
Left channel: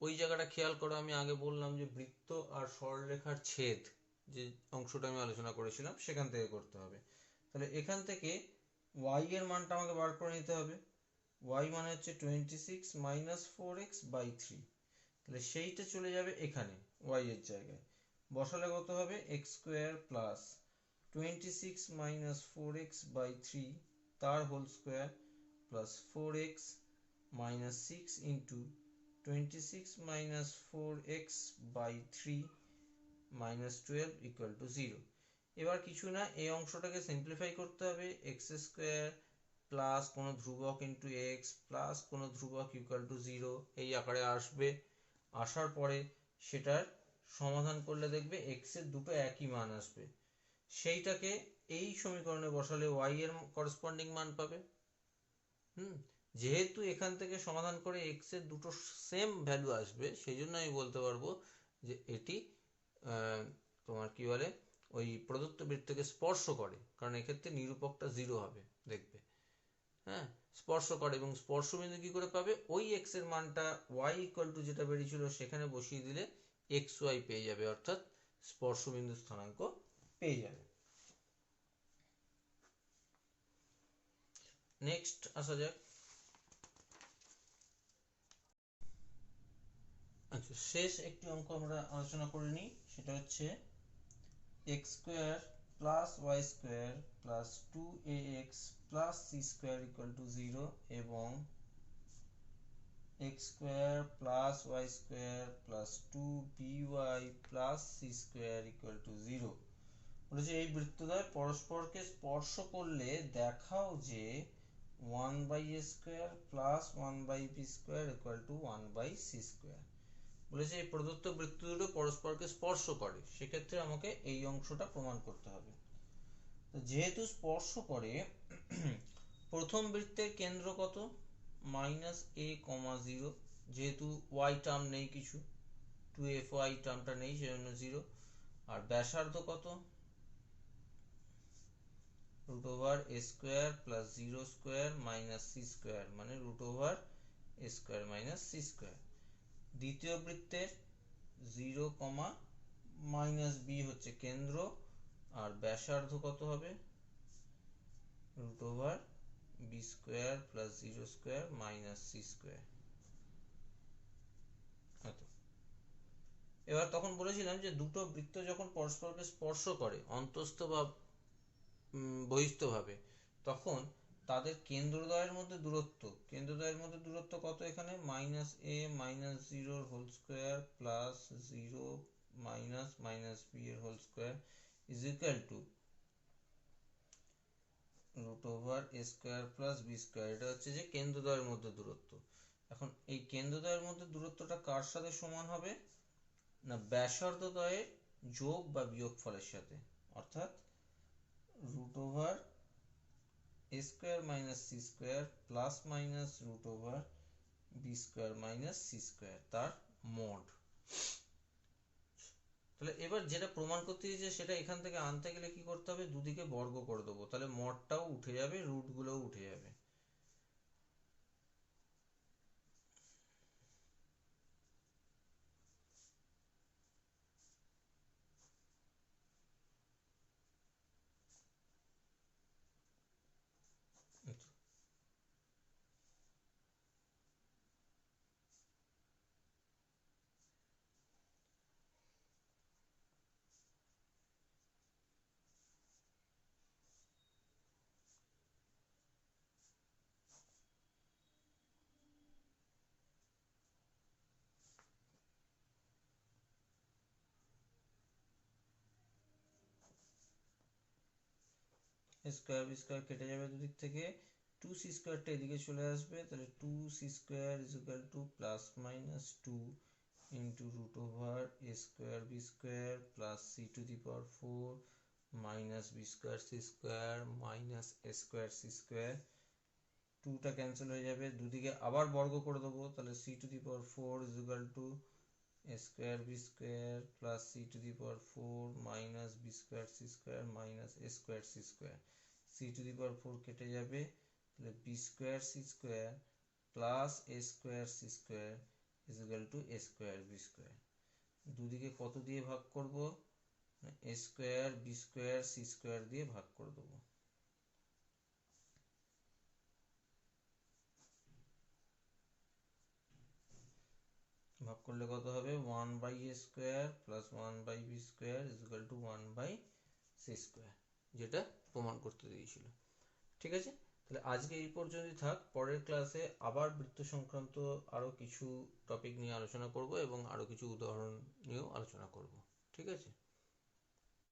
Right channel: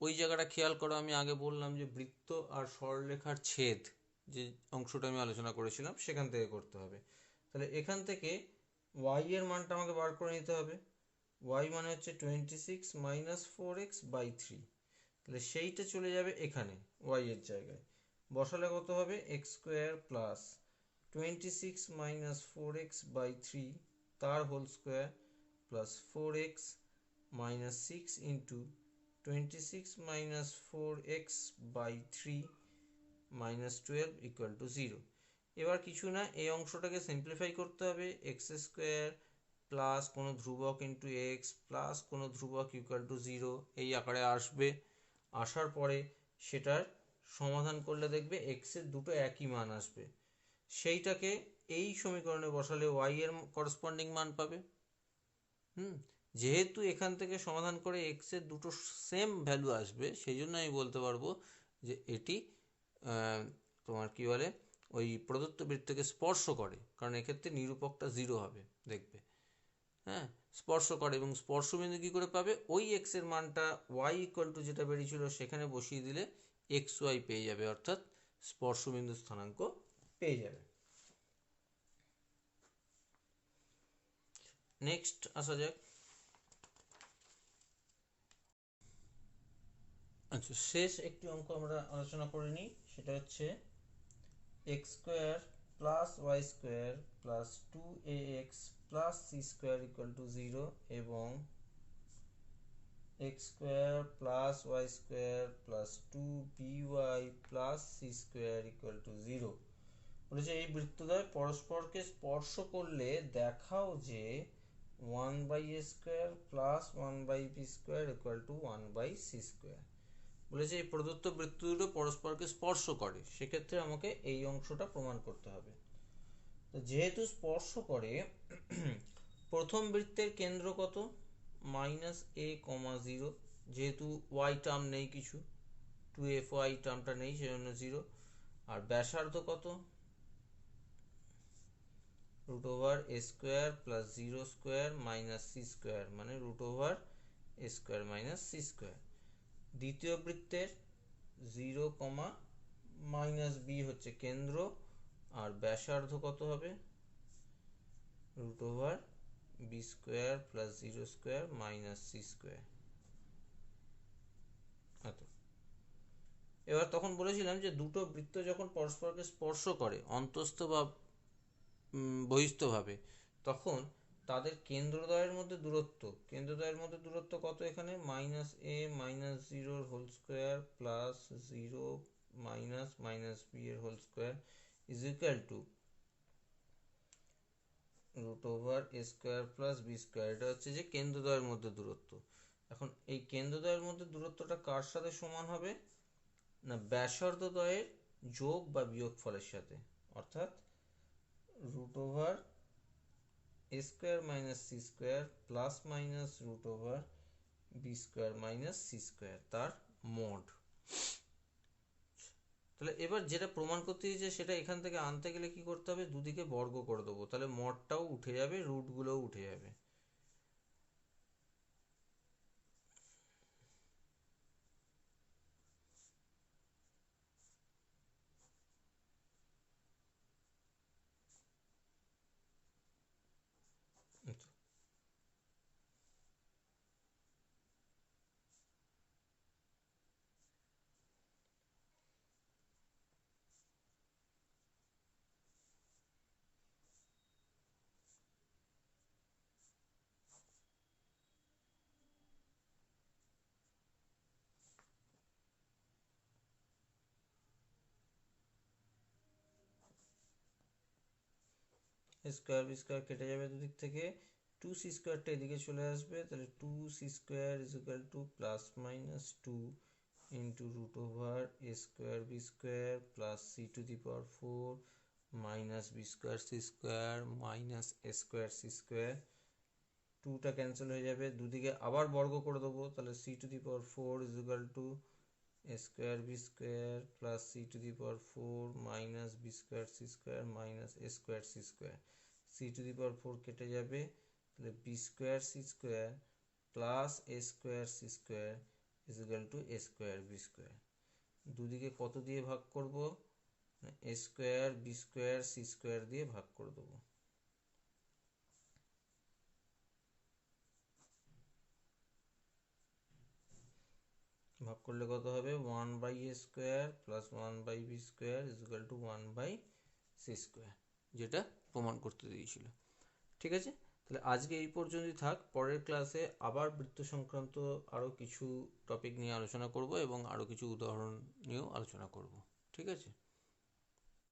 ওই জায়গাটা খেয়াল করো, আমি আগে বললাম যে বৃত্ত আর সরলরেখার ছেদ, যে অংশটা আমি আলোচনা করেছিলাম সেখান থেকে করতে হবে। তাহলে এখান থেকে y এর মানটা আমাকে বার করে নিতে হবে। y মানে হচ্ছে 26 মাইনাস 4x বাই 3, তাহলে সেইটা চলে যাবে এখানে y এর জায়গায়, বসালে কত হবে? x square plus 26 minus 4x by 3 তার whole square plus 4x minus 6 into 26 minus 4x by 3 minus 12 equal to 0। এবার কিছু না, এই অংশটাকে সিম্পলিফাই করতে হবে, এক্স স্কোয়ার প্লাস কোনো ধ্রুবক ইন্টু এক্স প্লাস কোনো ধ্রুবক ইকুয়াল টু 0 এই আকারে আসবে। আসার পরে সেটার সমাধান করলে দেখবে এক্স এর দুটো একই মান আসবে, সেইটাকে এই সমীকরণে বসালে ওয়াই এর করসপন্ডিং মান পাবে। যেহেতু এখান থেকে সমাধান করে এক্স এর দুটো সেম ভ্যালু আসবে, সেই জন্য আমি বলতে পারবো যে এটি তোমার কি বলে ওই প্রদত্ত বৃত্তকে স্পর্শ করে, কারণ এক্ষেত্রে নিরূপকটা 0 হবে, দেখবে। হ্যাঁ, স্পর্শ করে, এবং স্পর্শবিন্দু কি করে পাবে? ওই এক্স এর মানটা ওয়াই ইকুয়াল টু যেটা বেরিয়েছিল সেখানে বসিয়ে দিলে এক্স ওয়াই পেয়ে যাবে, অর্থাৎ স্পর্শবিন্দু স্থানাঙ্ক পেয়ে যাবে। নেক্সট আসা যাক। আচ্ছা, শেষ একটি অঙ্ক আমরা আলোচনা করে নিই, সেটা হচ্ছে x square plus y square plus 2ax plus c square equal to 0 এবং x square plus y square plus 2by plus c square equal to 0। বলেছে এই বৃত্তদ্বয় পরস্পরকে স্পর্শ করলে দেখাও যে 1/a square plus 1/b square equal two 1/c square. বলেছে এই প্রদত্ত বৃত্ত দুটো পরস্পরকে স্পর্শ করে, সেক্ষেত্রে আমাকে এই অংশটা প্রমাণ করতে হবে। তো যেহেতু স্পর্শ করে, প্রথম বৃত্তের কেন্দ্র কত? মাইনাস a, 0, যেহেতু y টার্ম নেই কিছু, 2fy টার্মটা নেই, সেজন্য 0। আর ব্যাসার্ধ কত? Root over a square plus 0 square minus c square, মানে root over a square minus c square. দ্বিতীয় বৃত্তের 0, মাইনাস b হচ্ছে কেন্দ্র, আর ব্যাসার্ধ কত হবে? Root over b square plus 0 square minus c square. এবার তখন বলেছিলাম যে দুটো বৃত্ত যখন পরস্পরকে স্পর্শ করে অন্তস্থ বা বহিস্থভাবে, তখন তাদের কেন্দ্রদ্বয়ের মধ্যে দূরত্ব কত? এখানে minus a minus 0 whole square plus 0 minus minus b এর whole square is equal to root over a square plus b square. এটা হচ্ছে যে কেন্দ্রদ্বয়ের মধ্যে দূরত্ব। এখন এই কেন্দ্রদ্বয়ের মধ্যে দূরত্বটা কার সাথে সমান হবে? না, ব্যাসার্ধদ্বয়ের যোগ বা বিয়োগ ফলের সাথে, অর্থাৎ রুট ওভার এ square minus C square plus minus root over B square minus C square তার মোড। তাহলে এবার যেটা প্রমাণ করতে দিয়েছে সেটা এখান থেকে আনতে গেলে কি করতে হবে, দুদিকে বর্গ করে দেবো, তাহলে মডটাও উঠে যাবে, রুটগুলোও উঠে যাবে। স্কোয়ার বি স্কোয়ার কেটে যাবে দুদিক থেকে, টু সি স্কোয়ারটা এদিকে চলে আসবে, তাহলে two c square is equal to plus minus two into root over A square B square plus c to the power four minus b square C square minus a square C square. টুটা cancel হয়ে যাবে, দুদিকে আবার বর্গ করে দেবো, তাহলে c to the power four is equal to A square B square plus c to the power four minus b square C square minus a square C square. C to the power four কেটে যাবে, তাহলে B square C square plus A square C square is equal to A square B square. দুদিকে কত দিয়ে ভাগ করব, A square B square C square দিয়ে ভাগ করে দেবো। ভাগ করলে কত হবে, one by A square plus one by B square is equal to one by C square, যেটা প্রমাণ করতে দিয়েছিল। ঠিক আছে, তাহলে আজকে এই পর্যন্তই থাক। পরের ক্লাসে আবার বৃত্ত সংক্রান্ত আরও কিছু টপিক নিয়ে আলোচনা করব এবং আরও কিছু উদাহরণ নিয়েও আলোচনা করব। ঠিক আছে।